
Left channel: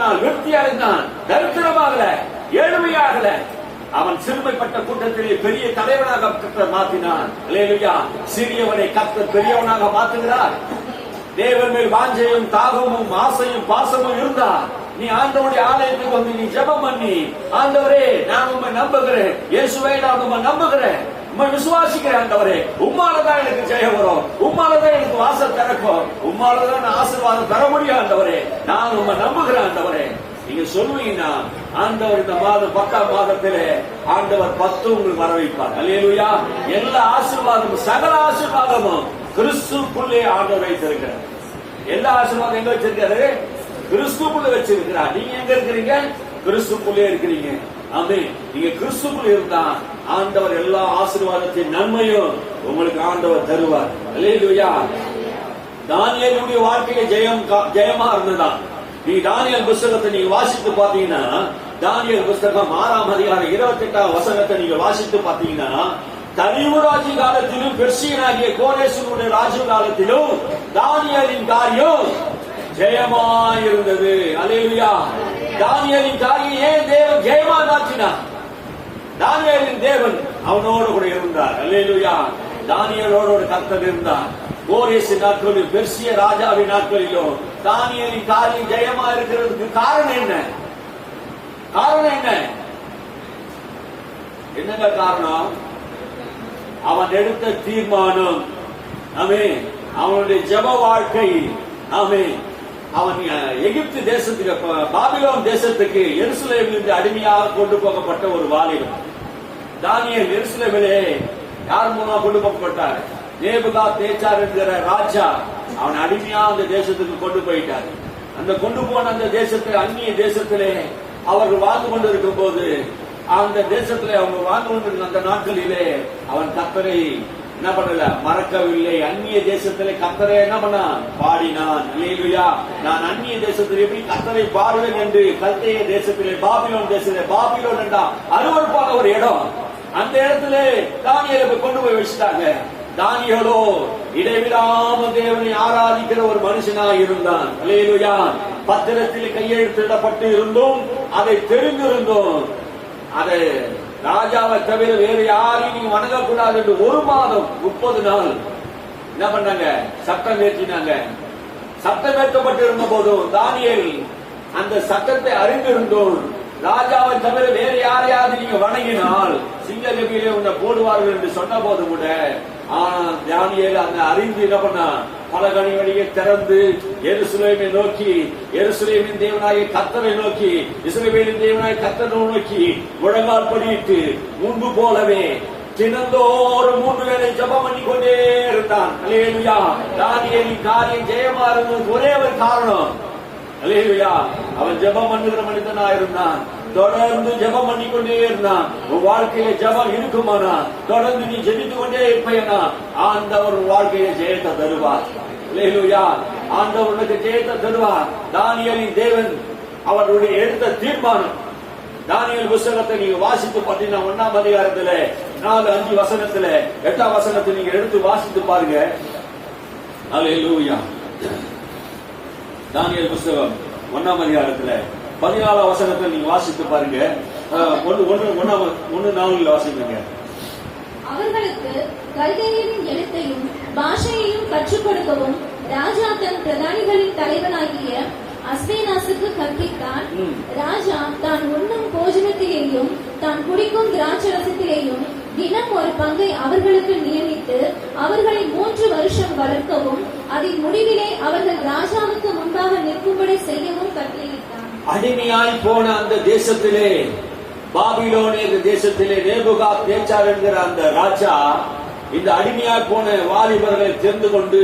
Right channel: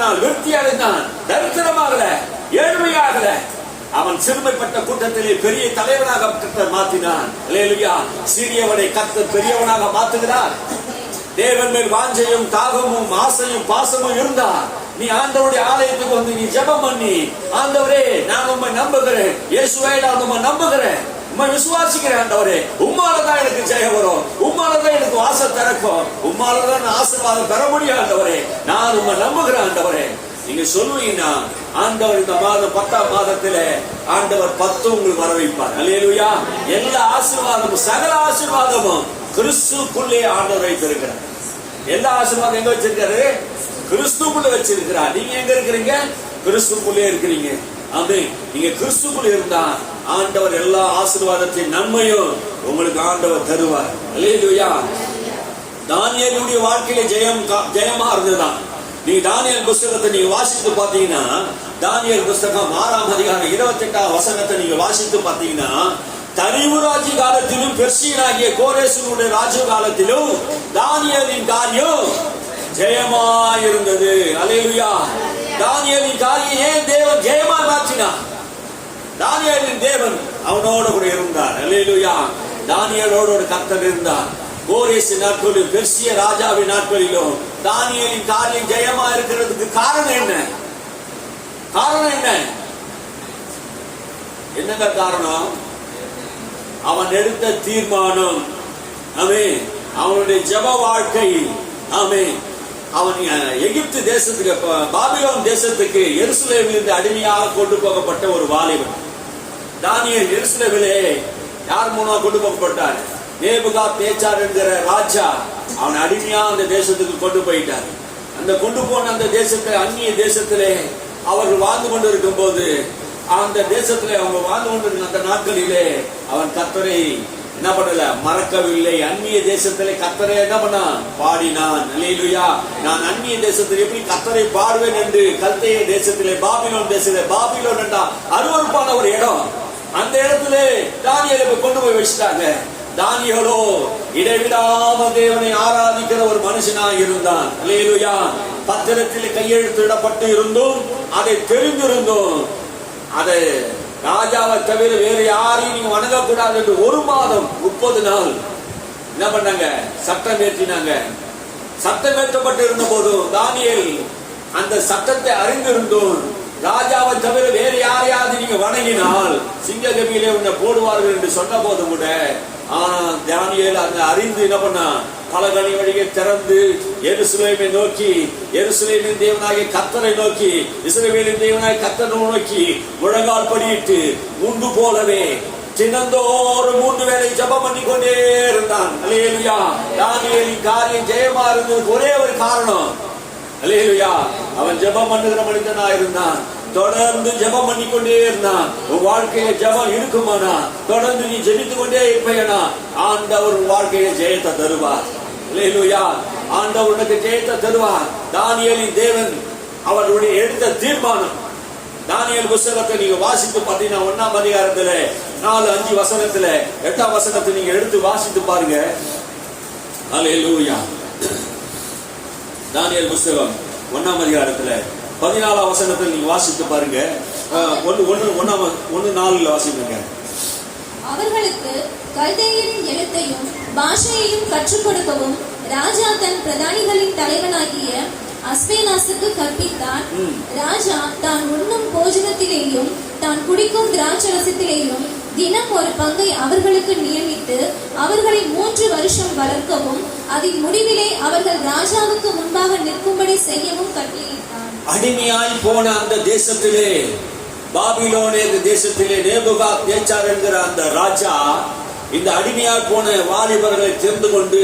நாள் வெற்றி அடைந்தான். தரித்திரமாகல, ஏழ்மையாகல. அவன் சிறுமைப்பட்ட கூட்டத்திலே பெரிய தலைவனாக கர்த்தர் மாற்றினான். அல்லேலூயா. சிறியவனை கர்த்தர் பெரியவனாக மாற்றுகிறார். தேவன் மேல் வாஞ்சையும் தாகமும் ஆசையும் பாசமும் இருந்தா நீ ஆண்டவருடைய ஆலயத்துக்கு வந்து நீ ஜெபம் பண்ணி, ஆண்டவரே நான் உம்மை நம்புகிறேன், இயேசுவே நான் உம்மை நம்புகிறேன், உம்மை விசுவாசிக்கிறேன் ஆண்டவரே, உம்மாலதான் எனக்கு ஜெயம் வரும், உம்மாலதான் எனக்கு வாசல் திறக்கும், உம்மாலதான் நான் ஆசீர்வாதம் பெற முடியும் ஆண்டவரே, நான் உம்மை நம்புகிறேன் ஆண்டவரே. நீங்க சொல்லுவீங்கன்னா ஆண்டவர் இந்த மாதம் 10ஆம் மாதத்திலே ஆண்டவர் 10 உங்களுக்கு வர வைப்பார். அல்லேலூயா. எல்லா ஆசீர்வாதமும் சகல ஆசீர்வாதமும் கிறிஸ்துக்குள்ளே ஆண்டவர் வைத்திருக்கிறார். எல்லா ஆசீர்வாதம் எங்க வச்சிருக்காரு? கிறிஸ்துக்குள்ள வச்சிருக்கிறார். நீங்க எங்க இருக்கிறீங்க? கிறிஸ்துக்குள்ளே இருக்கிறீங்க. ஆமென். நீங்க கிறிஸ்துக்குள்ள இருந்தா ஆண்டவர் எல்லா ஆசீர்வாதத்தின் நன்மையும் உங்களுக்கு ஆண்டவர் தருவார். அல்லேலூயா. தானியேலுடைய வாழ்க்கையில ஜெயமா இருந்ததுதான். நீ தானியேல் புஸ்தகத்தை நீங்க வாசித்து பாத்தீங்கன்னா, தானியேல் புஸ்தகம் 6ஆம் அதிகாரம் 28ஆம் வசனத்தை நீங்க வாசித்து பாத்தீங்கன்னா, தரிவு ராஜ்ய காலத்திலும் பெர்சியனாகிய கோரேசுடைய ராஜ்ய காலத்திலும் தானியேலின் காரியம் ஜெயமாயிருந்தது. அல்லேலூயா. தானியேலின் காரியம் ஏன் தேவன் ஜெயமா மாற்றினா? தானியேலின் தேவன் அவனோடு கூட இருந்தார். அல்லேலூயா. தானியேலோடு கர்த்தர் இருந்தார். கோரேசு நாட்களிலும் பெர்சிய ராஜாவின் நாட்களிலும் தானியேலின் காரியம் ஜெயமா இருக்கிறதுக்கு காரணம் என்ன? காரணம் என்ன? என்னங்க காரணம்? அவன் எடுத்த தீர்மானம். ஆமென். அவனுடைய ஜெப வாழ்க்கை. ஆமென். அவன் எகிப்து தேசத்துக்கு, பாபிலோன் தேசத்துக்கு எருசலேமிலிருந்து அடிமையாக கொண்டு போகப்பட்ட ஒரு வாலிபன். தானியேல் எருசலேமிலே யார் மூலமா கொண்டு போகப்பட்டார்? நேபுகாத்நேச்சார் என்கிற ராஜா அவன் அடிமையா அந்த தேசத்துக்கு கொண்டு போயிட்டார். அந்த கொண்டு போன அந்த தேசத்தை, அந்நிய தேசத்திலே அவர்கள் வாழ்ந்து கொண்டு இருக்கும் போது, அந்த தேசத்திலே அவங்க வாழ்ந்து கொண்டிருந்த அந்த நாட்களிலே அவன் கர்த்தரை என்ன பண்ணல, மறக்கவில்லை. அந்நிய தேசத்திலே கர்த்தரை என்ன பண்ணான்? பாடினான். அல்லேலூயா. நான் அந்நிய தேசத்தில் எப்படி கர்த்தரை பாடுவேன் என்று கல்தேய தேசத்திலே, பாபிலோன் தேசத்திலே, பாபிலோன் என்றா அருவருப்பான ஒரு இடம், அந்த இடத்திலே தானியேலை கொண்டு போய் வச்சுட்டாங்க. தானியேலோ இடைவிடாம தேவனை ஆராதிக்கிற ஒரு மனுஷனாக இருந்தான். அல்லேலூயா. பத்திரத்தில் கையெழுத்திடப்பட்டு இருந்தும், அதை தெரிந்திருந்தும், அதை ராஜாவை தவிர வேறு யாரையும் நீங்க வணங்கக்கூடாது என்று 1 மாதம் 30 நாள் என்ன பண்ணாங்க? சட்டம் ஏற்றினாங்க. சட்டம் ஏற்றப்பட்டு இருந்த போதும் தானியேல் அந்த சட்டத்தை அறிந்திருந்தும், ராஜாவை தவிர வேறு யாரையாவது நீங்க வணங்கினால் சிங்க கபியிலே உன்னை போடுவார்கள் என்று சொன்ன போது கூட, தானியேல் அந்த அறிந்து என்ன பண்ணா? பலகணி வழியை திறந்து எருசலேமை நோக்கி, எருசலேமின் தேவனாகிய கர்த்தரை நோக்கி, இஸ்ரவேலின் தேவனாகிய கர்த்தரை நோக்கி முழங்கால் படியிட்டு முன்பு போலவே தினந்தோறும் 3 வேளை ஜெபம் பண்ணி கொண்டே இருந்தான். அல்லேலூயா. தானியேலின் காரியம் ஜெயமா இருந்ததுக்கு ஒரே ஒரு காரணம். அல்லேலூயா. அவன் ஜெபம் பண்ணுகிற மனிதனா இருந்தான். தொடர்ந்து ஜெபம் பண்ணிக்கொண்டே இருந்தான். உன் வாழ்க்கையில ஜெபம் இருக்குமானா, தொடர்ந்து நீ ஜெபித்து கொண்டே இருப்பேனா, ஆண்டவர் வாழ்க்கையில ஜெயத்தை தருவார். அல்லேலூயா. ஆண்டவர் உனக்கு ஜெயத்தை தருவார். தானியேலின் தேவன் அவருடைய எடுத்த தீர்மானம். தானியேல் புஸ்தகத்தை நீங்க வாசித்து பார்த்தீங்கன்னா 1ஆம் அதிகாரத்துல 4, 5 வசனத்துல 8ஆம் வசனத்தை நீங்க எடுத்து வாசித்து பாருங்க. அல்லேலூயா. தானியேல் புஸ்தகம் 1ஆம் அதிகாரத்துல 14ஆம் வசனத்தில் நீங்க வாசித்து பாருங்க. 1:4 வாசிப்பீங்க. அவர்களுக்கு கல்தேயரின் எழுத்தையும் பாஷையையும் கற்றுக் கொடுக்கவும் ராஜா தன் பிரதானிகளின் தலைவனாகிய அஸ்பேனாசுக்கு கற்பித்தார். ராஜா தான் உண்ணும் போஜனத்திலேயும் தான் குடிக்கும் திராட்சரசத்திலேயும் தினம் ஒரு பங்கை அவர்களுக்கு நியமித்து அவர்களை 3 வருஷம் வளர்க்கவும் அதில் முடிவிலே அவர்கள் ராஜாவுக்கு முன்பாக நிற்கும்படி செய்யவும் கட்டளையிட்டார். அடிமையாய் போன அந்த தேசத்திலே, பாபிலோனே தேசத்திலே நேபுகாத்நேச்சார் என்கிற அந்த ராஜா இந்த அடிமையாய் போன வாலிபர்களை தெரிந்து கொண்டு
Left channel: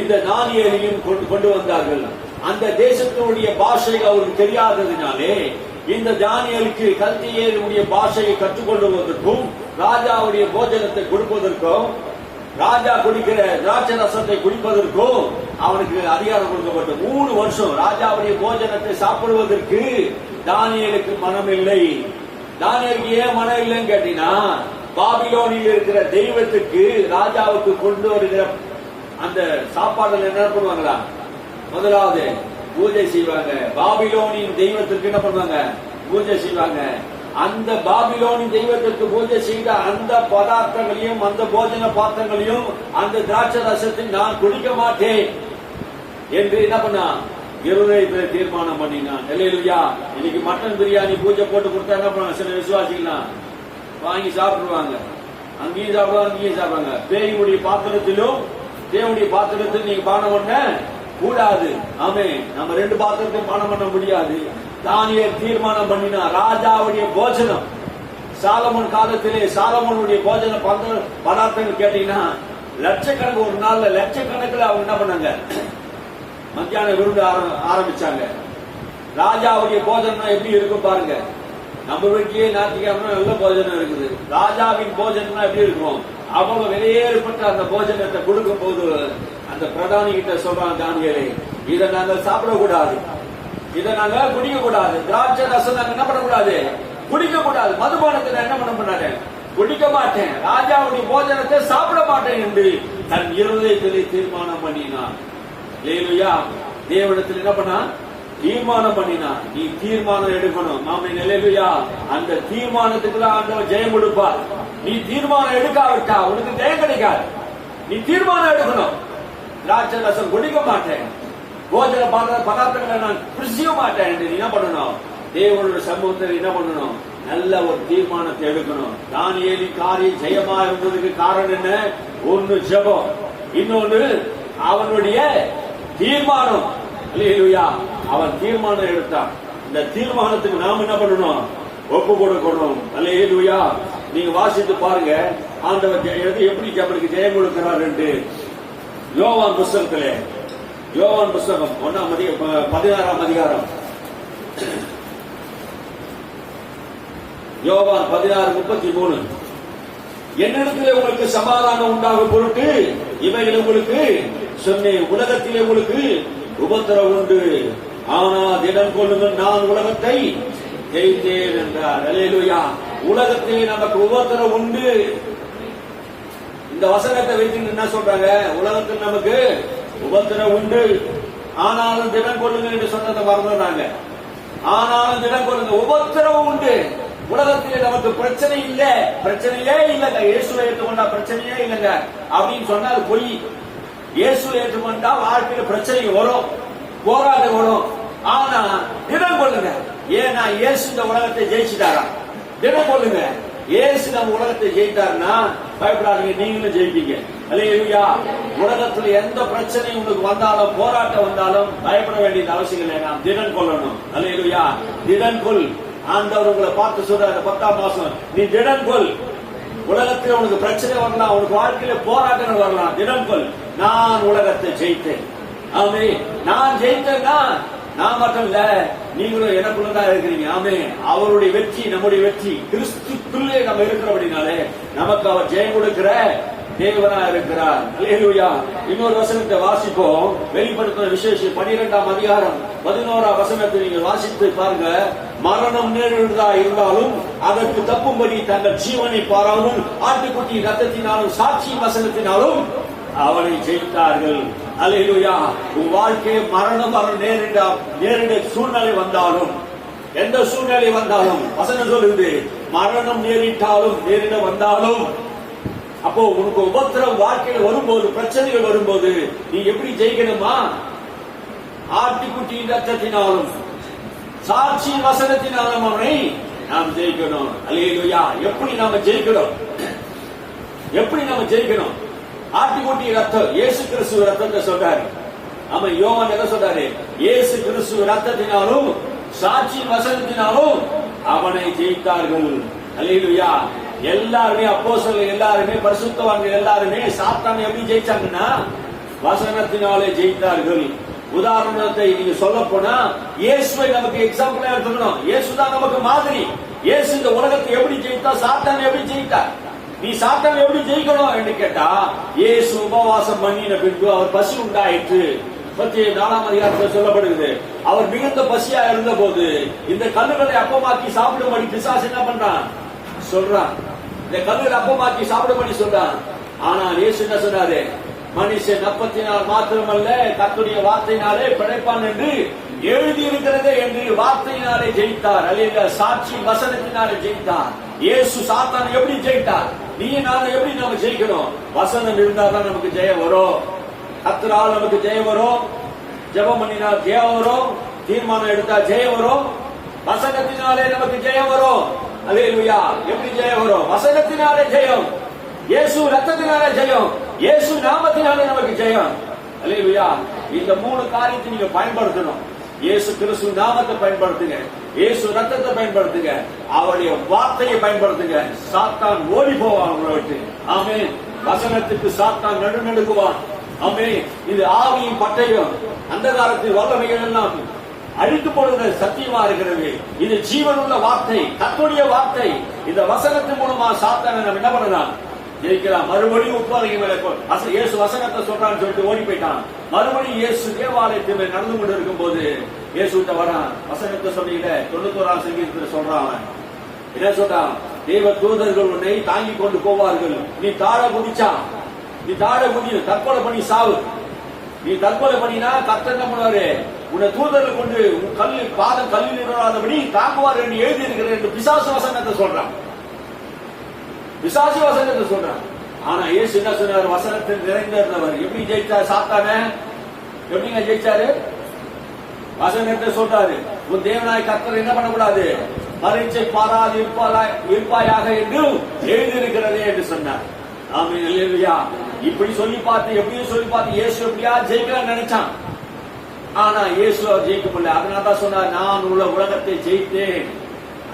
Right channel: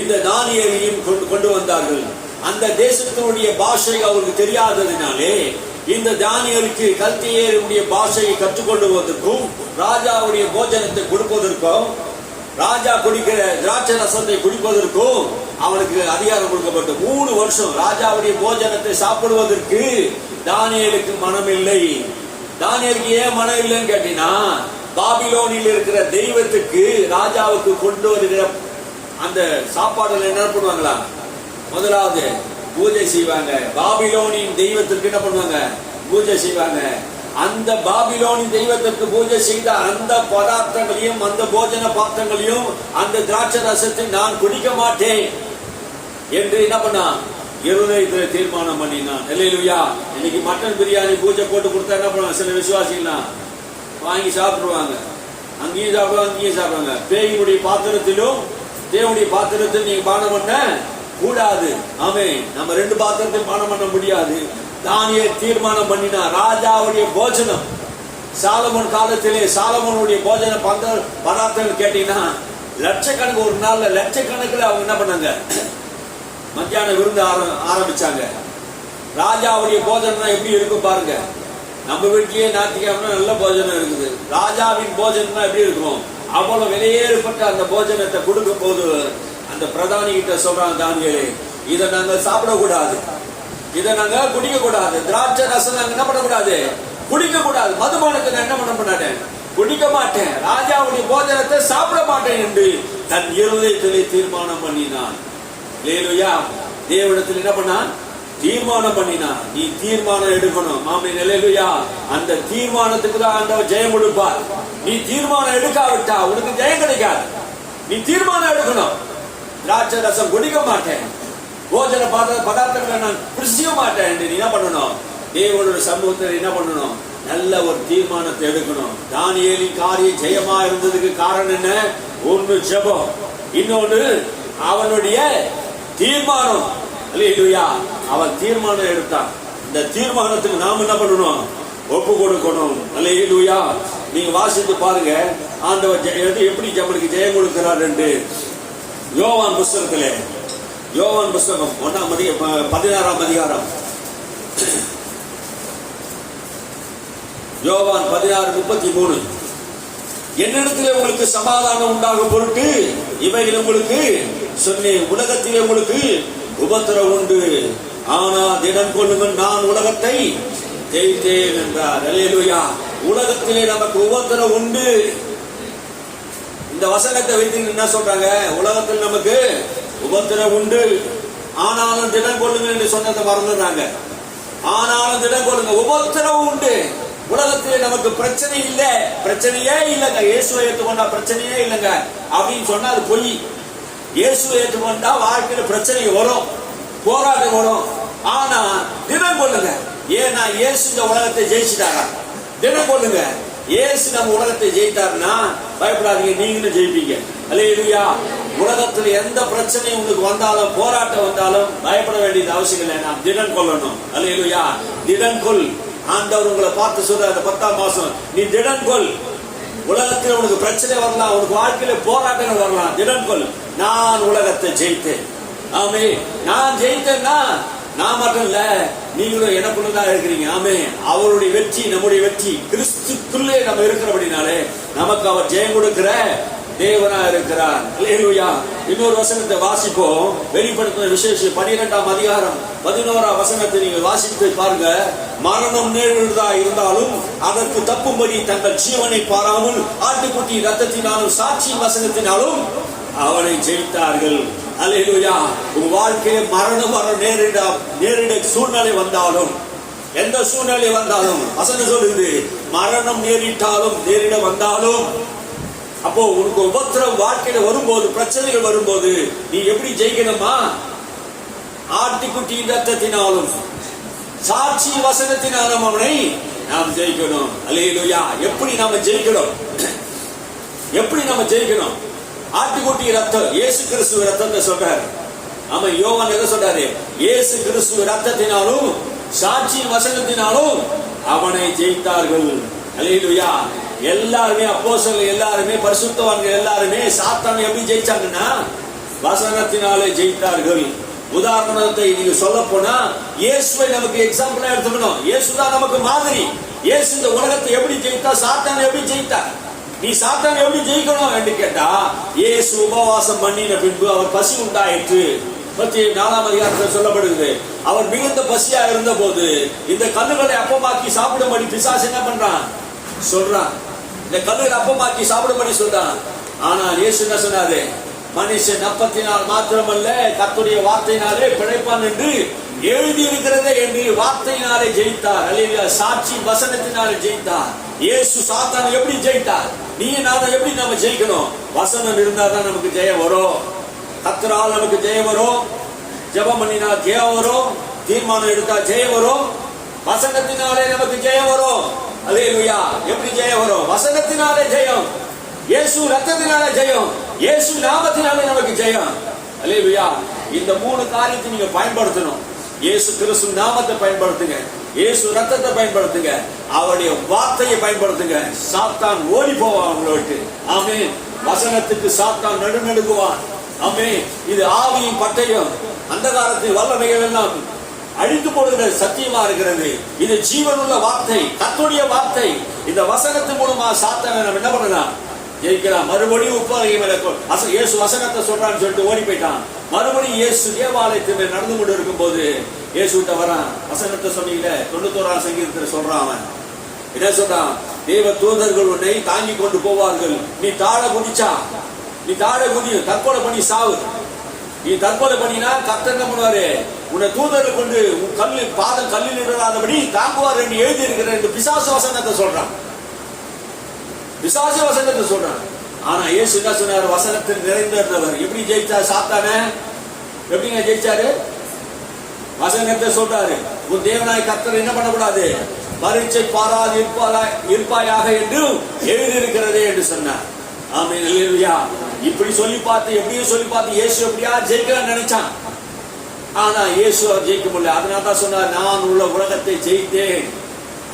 இந்த தானியேலையும் கொண்டு வந்தார்கள். அந்த தேசத்தினுடைய பாஷை அவருக்கு தெரியாததினாலே இந்த தானியேலுக்கு கல்தேயருடைய பாஷையை கற்றுக்கொள்வதற்கும் ராஜாவுடைய போஜனத்தை கொடுப்பதற்கும், ராஜா குடிக்கிற திராட்சை ரசத்தை குடிப்பதற்கும் அவனுக்கு அதிகாரம் கொடுக்கப்பட்ட 3 வருஷம் ராஜாவுடைய போஜனத்தை சாப்பிடுவதற்கு தானியேலுக்கு மனம் இல்லை. தானியேலுக்கு ஏன் மனம் இல்லைன்னு கேட்டீங்கன்னா, பாபிலோனில் இருக்கிற தெய்வத்துக்கு ராஜாவுக்கு கொண்டு வருகிற அந்த சாப்பாடுல என்ன பண்ணுவாங்களா? முதலாவது பூஜை செய்வாங்க. பாபிலோனின் தெய்வத்திற்கு என்ன பண்ணுவாங்க? பூஜை செய்வாங்க. அந்த பாபிலோனின் தெய்வத்திற்கு பூஜை செய்த அந்த பதார்த்தங்களையும் அந்த போஜன பாத்திரங்களையும் அந்த திராட்சை ரசத்தை நான் குடிக்க மாட்டேன் என்று என்ன பண்ணா இருதயத்துல தீர்மானம் பண்ணினான். அல்லேலூயா. இன்னைக்கு மட்டன் பிரியாணி பூஜை போட்டு கொடுத்தா என்ன பண்ணுவாங்க? சில விசுவாசிகள்லாம் வாங்கி சாப்பிடுவாங்க. அங்கேயும் சாப்பிடுவாங்க, அங்கேயும் சாப்பிடுவாங்க. பேயுடைய பாத்திரத்திலும் தேவனுடைய பாத்திரத்தில் நீங்க பானம் பண்ண கூடாது. ஆமே, நம்ம ரெண்டு பாத்திரத்தில் பானம் பண்ண முடியாது. தானியேல் தீர்மானம் பண்ணினா ராஜாவுடைய போஜனம். சாலமோன் காலத்திலே சாலமோனுடைய போஜன பதார்த்தங்கள் கேட்டீங்கன்னா லட்சக்கணக்கு, ஒரு நாள்ல லட்சக்கணக்கில் அவங்க என்ன பண்ணாங்க? மத்தியான விருந்து ஆரம்பிச்சாங்க. ராஜாவுடைய போஜனம் எப்படி இருக்கும் பாருங்க. நம்ம வீட்டிலேயே ஞாயிற்றுக்கிழமை நல்ல போஜனம் இருக்குது. ராஜாவின் போஜனம் எப்படி இருக்கும்? அவ்வளவு வெளியேறப்பட்ட அந்த போஜனத்தை கொடுக்கும் போது அந்த பிரதானி கிட்ட சொல்றான், தானியேலே, இதை நாங்கள் சாப்பிடக்கூடாது, இதை நாங்க குடிக்க கூடாது, திராட்சை ரசம் நாங்க என்ன பண்ணக்கூடாது, குடிக்க கூடாது, மதுபானத்தை என்ன பண்ண மாட்டேன், குடிக்க மாட்டேன், ராஜாவுடைய போஜனத்தை சாப்பிட மாட்டேன் என்று தன் இருதயத்திலே தீர்மானம் பண்ணினான். அல்லேலூயா. தேவனிடத்தில் என்ன பண்ணா? தீர்மானம் பண்ணினா. நீ தீர்மானம் எடுக்கணும். ஆமென். அல்லேலூயா. அந்த தீர்மானத்துக்கு தான் ஆண்டவர் ஜெயம் கொடுப்பார். நீ தீர்மானம் எடுக்காவிட்டா உனக்கு ஜெயம் கிடைக்காது. நீ தீர்மானம் எடுக்கணும். திராட்சை ரசம் குடிக்க மாட்டேன், போஜன பதார்த்தங்களை நான் புசிக்க மாட்டேன் என்று நீ என்ன பண்ணணும்? தேவனுடைய சமூகத்தில் என்ன பண்ணணும்? நல்ல ஒரு தீர்மானத்தை எடுக்கணும். தானியேலின் காரியம் ஜெயமா இருந்ததுக்கு காரணம் என்ன? ஒன்னு ஜெபம், இன்னொன்னு அவனுடைய தீர்மானம். அல்லேலூயா. அவன் தீர்மானம் எடுத்தான். இந்த தீர்மானத்துக்கு நாம் என்ன பண்ணணும்? ஒப்பு கொடுக்கணும். அல்லேலூயா. நீங்க வாசித்து பாருங்க ஆண்டவர் எப்படி அவனுக்கு ஜெயம் கொடுக்கிறார் என்று. யோவான் புஸ்தகத்திலே, யோவான் புஸ்தகம் 16ஆம் அதிகாரம், யோவான் 16:33, என்னிடத்திலே உங்களுக்கு சமாதானம் உண்டாக பொருட்டு இவைகள் உங்களுக்கு சொன்னேன், உலகத்திலே உங்களுக்கு உபத்திரவம் உண்டு, ஆனால் திடன் கொள்ளுங்கள், நான் உலகத்தை ஜெயித்தேன் என்றார். அல்லேலூயா. உலகத்திலே நமக்கு உபத்திரவம் உண்டு. இந்த வசனத்தை வைத்து என்ன சொல்றாங்க? உலகத்தில் நமக்கு உபத்திரவம் உண்டு, ஆனாலும் திடன் கொள்ளுங்கள் என்று சொன்னதை மறந்துடுறாங்க. ஆனாலும் திடன் கொள்ளுங்க, உபத்திரவம் உண்டு. உலகத்திலே நமக்கு பிரச்சனை இல்ல, பிரச்சனையே இல்லைங்க. இயேசுவை ஏற்றுக்கொண்டா பிரச்சனையே இல்லைங்க அப்படின்னு சொன்னா அது பொய். இயேசுவை ஏற்றுக்கொண்டா வாழ்க்கையில பிரச்சனை வரும், போராட்டம் வரும். ஆனா தினம் கொள்ளுங்க. ஏன்னா இயேசு இந்த உலகத்தை ஜெயிச்சிட்டாரா? தினம் கொள்ளுங்க. இயேசு நம்ம உலகத்தை ஜெயித்தாருன்னா பயப்படாதீங்க, நீங்களும் ஜெயிப்பீங்க. அல்லேலூயா. உலகத்துல எந்த பிரச்சனை உங்களுக்கு வந்தாலும், போராட்டம் வந்தாலும் பயப்பட வேண்டியது அவசியம் இல்லை. நான் திடன் கொள்ளணும். அல்லேலூயா. திடன் கொள். ஆண்டவர் உங்களை பார்த்து சொல்றாரு 10ஆம் மாசம், நீ திடன் கொள். உலகத்தில் உனக்கு பிரச்சனை வரலாம், உனக்கு வாழ்க்கையில போராட்டங்கள் வரலாம், திடன் கொள். நான் உலகத்தை ஜெயித்தேன். ஆமே, நான் ஜெயித்தேன்னா நான் மட்டும் இல்ல, நீங்களும் எனக்குள்ளதான் இருக்கிறீங்க. ஆமே, அவருடைய வெற்றி நம்முடைய வெற்றி. கிறிஸ்துக்குள்ளே நம்ம இருக்கிறபடினாலே நமக்கு அவர் ஜெயம் கொடுக்கிற தேவனா இருக்கிறார். அல்லேலூயா. இன்னொரு வசனத்தை வாசிப்போம். வெளிப்படுத்தின விசேஷம் 12ஆம் அதிகாரம் 11ஆம் வசனத்தை நீங்க வாசித்து பாருங்க. மரணம் நேரிடுதா இருந்தாலும் அதற்கு தப்பும்படி தங்கள் ஜீவனை பாராமல் ஆட்டுக்குட்டி ரத்தத்தினாலும் சாட்சி வசனத்தினாலும் அவனை ஜெயித்தார்கள். அல்லேலூயா. உங்க வாழ்க்கையில மரணம் வர நேரிட சூழ்நிலை வந்தாலும், எந்த சூழ்நிலை வந்தாலும் வசனம் சொல்லுது, மரணம் நேரிட வந்தாலும், அப்போ உனக்கு உபத்திரம் வாழ்க்கையில வரும்போது, பிரச்சனைகள் வரும்போது நீ எப்படி ஜெயிக்கணுமா? ஆட்டுக்குட்டியின் ரத்தத்தினாலும் சாட்சி வசனத்தினாலும் அவனை நாம் ஜெயிக்கணும். அல்லேலூயா. எப்படி நாம ஜெயிக்கணும்? எப்படி நம்ம ஜெயிக்கணும்? ஆட்டுக்குட்டி ரத்தம், இயேசு கிறிஸ்துவ ரத்தத்தை சொல்றாரு. ஆமா, யோவான் என்ன சொல்றாரு? இயேசு கிறிஸ்துவ ரத்தத்தினாலும் சாட்சி வசனத்தினாலும் அவனை ஜெயித்தார்கள். அல்லேலூயா. எல்லாருமே அப்போஸ்தலர்கள், எல்லாருமே பரிசுத்தவான்கள், எல்லாருமே சாத்தானை எப்படி ஜெயிச்சாங்கன்னா வசனத்தினாலே ஜெயித்தார்கள். உதாரணத்தை நீங்க சொல்ல போனா இயேசுவை நமக்கு எக்ஸாம்பிளா எடுத்துக்கணும். இயேசுதான் நமக்கு மாதிரி. இயேசு இந்த உலகத்தை எப்படி ஜெயித்தா, சாத்தானை எப்படி ஜெயித்தா, நீ சாத்தானை எப்படி ஜெயிக்கணும் என்று கேட்டா, இயேசு உபவாசம் பண்ணின பின்பு அவர் பசி உண்டாயிற்று. 4ஆம் அதிகாரத்தில் சொல்லப்படுகிறது. அவர் மிகுந்த பசியா இருந்த போது இந்த கல்லுகளை அப்பமாக்கி சாப்பிடும்படி பிசாசு என்ன பண்றான்? சொல்றான். இந்த கல்லுகளை அப்பமாக்கி சாப்பிடும்படி சொல்றான். ஆனால் இயேசு என்ன சொன்னாரு? மனுஷன் அப்பத்தினால் மாத்திரமல்ல கர்த்தருடைய வார்த்தையினாலே பிழைப்பான் என்று எழுதி இருக்கிறதே என்று வார்த்தையினாலே ஜெயித்தார். அல்லேலூயா. சாட்சி வசனத்தினாலே ஜெயித்தார். இயேசு சாத்தானை எப்படி ஜெயித்தார்? நீ நானும் எப்படி நம்ம ஜெயிக்கணும்? வசனம் இருந்தாதான் நமக்கு ஜெயம் வரும். கர்த்தரால் நமக்கு ஜெயம் வரும். ஜெபம் பண்ணினா ஜெயம் வரும், தீர்மானம் எடுத்தா ஜெயம் வரும், வசனத்தினாலே நமக்கு ஜெயம் வரும். அல்லேலூயா. எப்படி ஜெயம் வரும்? வசனத்தினாலே ஜெயம், இயேசு ரத்தத்தினாலே ஜெயம், இயேசு நாமத்தினாலே நமக்கு ஜெயம். அல்லேலூயா. இந்த 3 காரியத்தை நீங்க பயன்படுத்தணும். இயேசு கிறிஸ்து நாமத்தை பயன்படுத்துங்க, இயேசு ரத்தத்தை பயன்படுத்துங்க, அவருடைய வார்த்தையை பயன்படுத்துங்க. சாத்தான் ஓடி போவான் உங்களை விட்டு. ஆமென். வசனத்துக்கு சாத்தான் நடுநடுங்குவான். ஆமென். இது ஆவியின் பட்டயம், அந்தகாரத்தில் வல்லமைகள் எல்லாம் அழித்து போடுகிற சத்தியமா இருக்கிறது. இது ஜீவனுள்ள வார்த்தை, கர்த்தருடைய வார்த்தை. இந்த வசனத்தின் மூலமா சாத்தானை நம்ம என்ன பண்ணலாம்? ஜெயிக்கலாம். மறுபடியும் உப்பாதையும் இயேசு வசனத்தை சொல்றான்னு சொல்லிட்டு ஓடி போயிட்டான். மறுபடியும் இயேசு தேவாலயத்தில் நடந்து கொண்டு இருக்கும் போது இயேசு கிட்ட வரான். வசனத்தை சொன்னீங்களே 91ஆம் சங்கீதத்தில் சொல்றான். அவன் என்ன சொல்றான்? தேவ தூதர்கள் உன்னை தாங்கி கொண்டு போவார்கள், நீ தாழ குதிச்சா, நீ தாழ குதி, தற்கொலை பண்ணி சாவு. நீ தற்கொலை பண்ணினா கர்த்தர் என்ன பண்ணுவாரு? உன்னை தூதர்கள் கொண்டு உன் பாதம் கல்லில் இடாதபடி தாங்குவார் என்று எழுதி இருக்கிற என்று பிசாசு வசனத்தை சொல்றான். பிசாசு வசனத்தை சொல்றான். ஆனா இயேசு என்ன சொன்னார்? வசனத்தில் நிறைந்திருந்தவர். எப்படி ஜெயிச்சார் சாத்தான? எப்படிங்க ஜெயிச்சாரு? வசனத்தை சொல்றாரு. உன் தேவனாய் கர்த்தர் என்ன பண்ணக்கூடாது? பரீட்சை பாராது இருப்பாயாக என்று எழுதியிருக்கிறதே என்று சொன்னார். ஆமென். அல்லேலூயா. இப்படி சொல்லி பார்த்து, எப்படியும் சொல்லி பார்த்து இயேசு எப்படியா ஜெயிக்கலாம்னு நினைச்சான். ஆனா இயேசு ஜெயிக்க முடியல. அதனால தான் சொன்னார், நான் உலகத்தை ஜெயித்தேன்.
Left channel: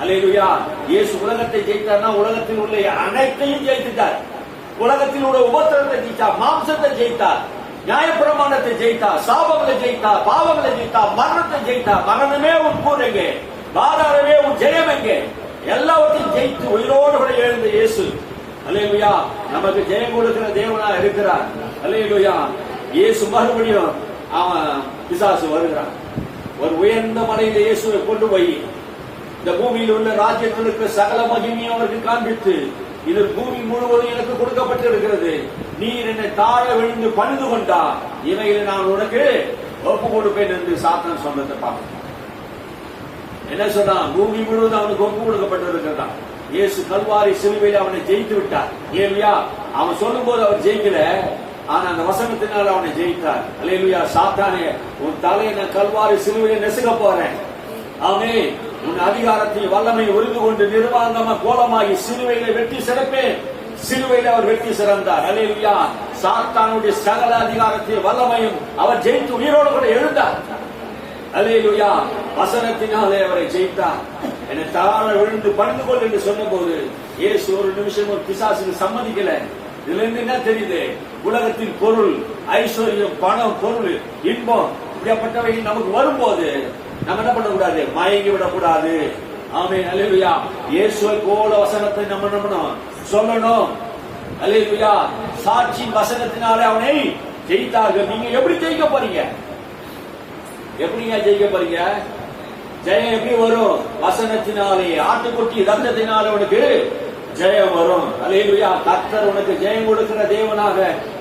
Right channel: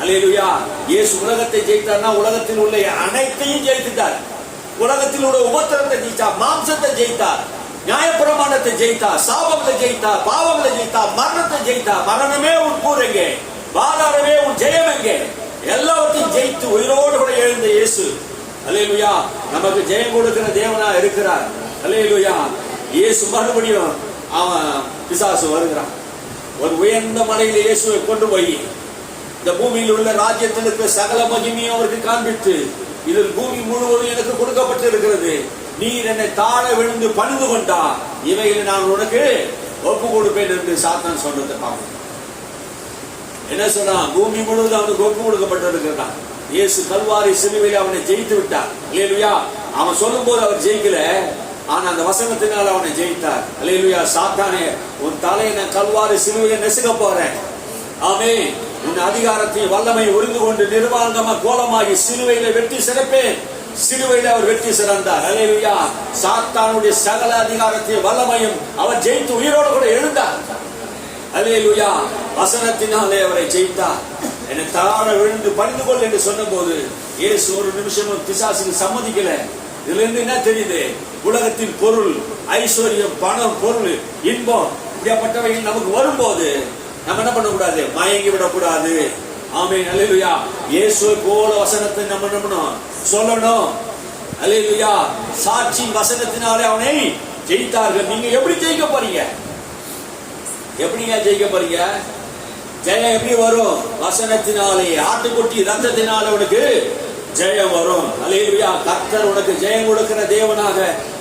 அல்லேலூயா. இயேசு உலகத்தை ஜெயித்தார்னா உலகத்தில் உள்ள அனைத்தையும் ஜெயித்துட்டார். உலகத்தில் உள்ள உபத்திரத்தை ஜெயித்தார், மாம்சத்தை ஜெயித்தார், நியாயப்பிரமாணத்தை ஜெயித்தார், சாபங்களை ஜெயித்தார், பாவங்களை ஜெயித்தார், மரணத்தை ஜெயித்தார். மரணமே உன் கூர் எங்கே? பாதாரமே உன் ஜெயம் எங்கே? எல்லாவற்றையும் ஜெயித்து உயிரோடு கூட எழுந்த இயேசு அல்லேலூயா நமக்கு ஜெயம் கொடுக்கிற தேவனா இருக்கிறார். அல்லேலூயா. இயேசு மறுபடியும் அவன் பிசாசு வருகிறான். ஒரு உயர்ந்த மலையில இயேசுவை கொண்டு போய் இந்த பூமியில் உள்ள ராஜ்யத்தில் இருக்கிற சகல மகிமையும் அவருக்கு காண்பித்து, இது பூமி முழுவதும் எனக்கு கொடுக்கப்பட்டு இருக்கிறது, நீர் என்னை தாழ விழுந்து பணிந்து கொண்டா இவைகளை நான் உனக்கு ஒப்பு கொடுப்பேன் என்று சாத்தான் சொன்னதை பார்க்க. என்ன சொன்னான்? பூமி முழுவதும் அவனுக்கு ஒப்பு கொடுக்கப்பட்டு இருக்கிறதா. இயேசு கல்வாரி சிலுவையில் அவனை ஜெயித்து விட்டார். அல்லேலூயா. அவன் சொல்லும் போது அவர் ஜெயிக்கல, ஆனா அந்த வசனத்தினால் அவனை ஜெயித்தார். அல்லேலூயா. சாத்தானே, உன் தலையை நான் கல்வாரி சிலுவையை நெசுக்க போறேன். ஆமென். உன் அதிகாரத்தையும் வல்லமை உறிந்து கொண்டு நிர்வாணமா கோலமாகி சிலுவையில வெற்றி சிறப்பேன். சிலுவையில அவர் வெற்றி சிறந்தார். அல்லேலூயா. சாத்தானுடைய சகல அதிகாரத்தையும் வல்லமையும் அவர் ஜெயித்து உயிரோடு கூட எழுந்தார். அல்லேலூயா. வசனத்தினாலே அவரை ஜெயித்தார். என்னை தாழ விழுந்து பணிந்து கொள் என்று சொன்ன போது இயேசு ஒரு நிமிஷமும் பிசாசுக்கு சம்மதிக்கல. இதுல இருந்து என்ன தெரியுது? உலகத்தின் பொருள், ஐஸ்வர்யம், பணம், பொருள், இன்பம் இப்படியாப்பட்டவைகள் நமக்கு வரும்போது நம்ம என்ன பண்ணக்கூடாது? மயங்கி விடக்கூடாது. ஆமென். அல்லேலூயா. இயேசுவை போல வசனத்தை நம்ம நம்பணும், சொல்லணும். அல்லேலூயா. சாட்சி வசனத்தினாலே அவனை ஜெயித்தார்கள். நீங்க எப்படி ஜெயிக்க போறீங்க? எப்படிங்க ஜெயிக்க போறீங்க? ஜெயம் எப்படி வரும்? வசனத்தினாலே, ஆட்டுக்குட்டி ரத்தத்தினாலே உனக்கு ஜெயம் வரும். அல்லேலூயா. கர்த்தர் உனக்கு ஜெயம் கொடுக்கிற தேவனாக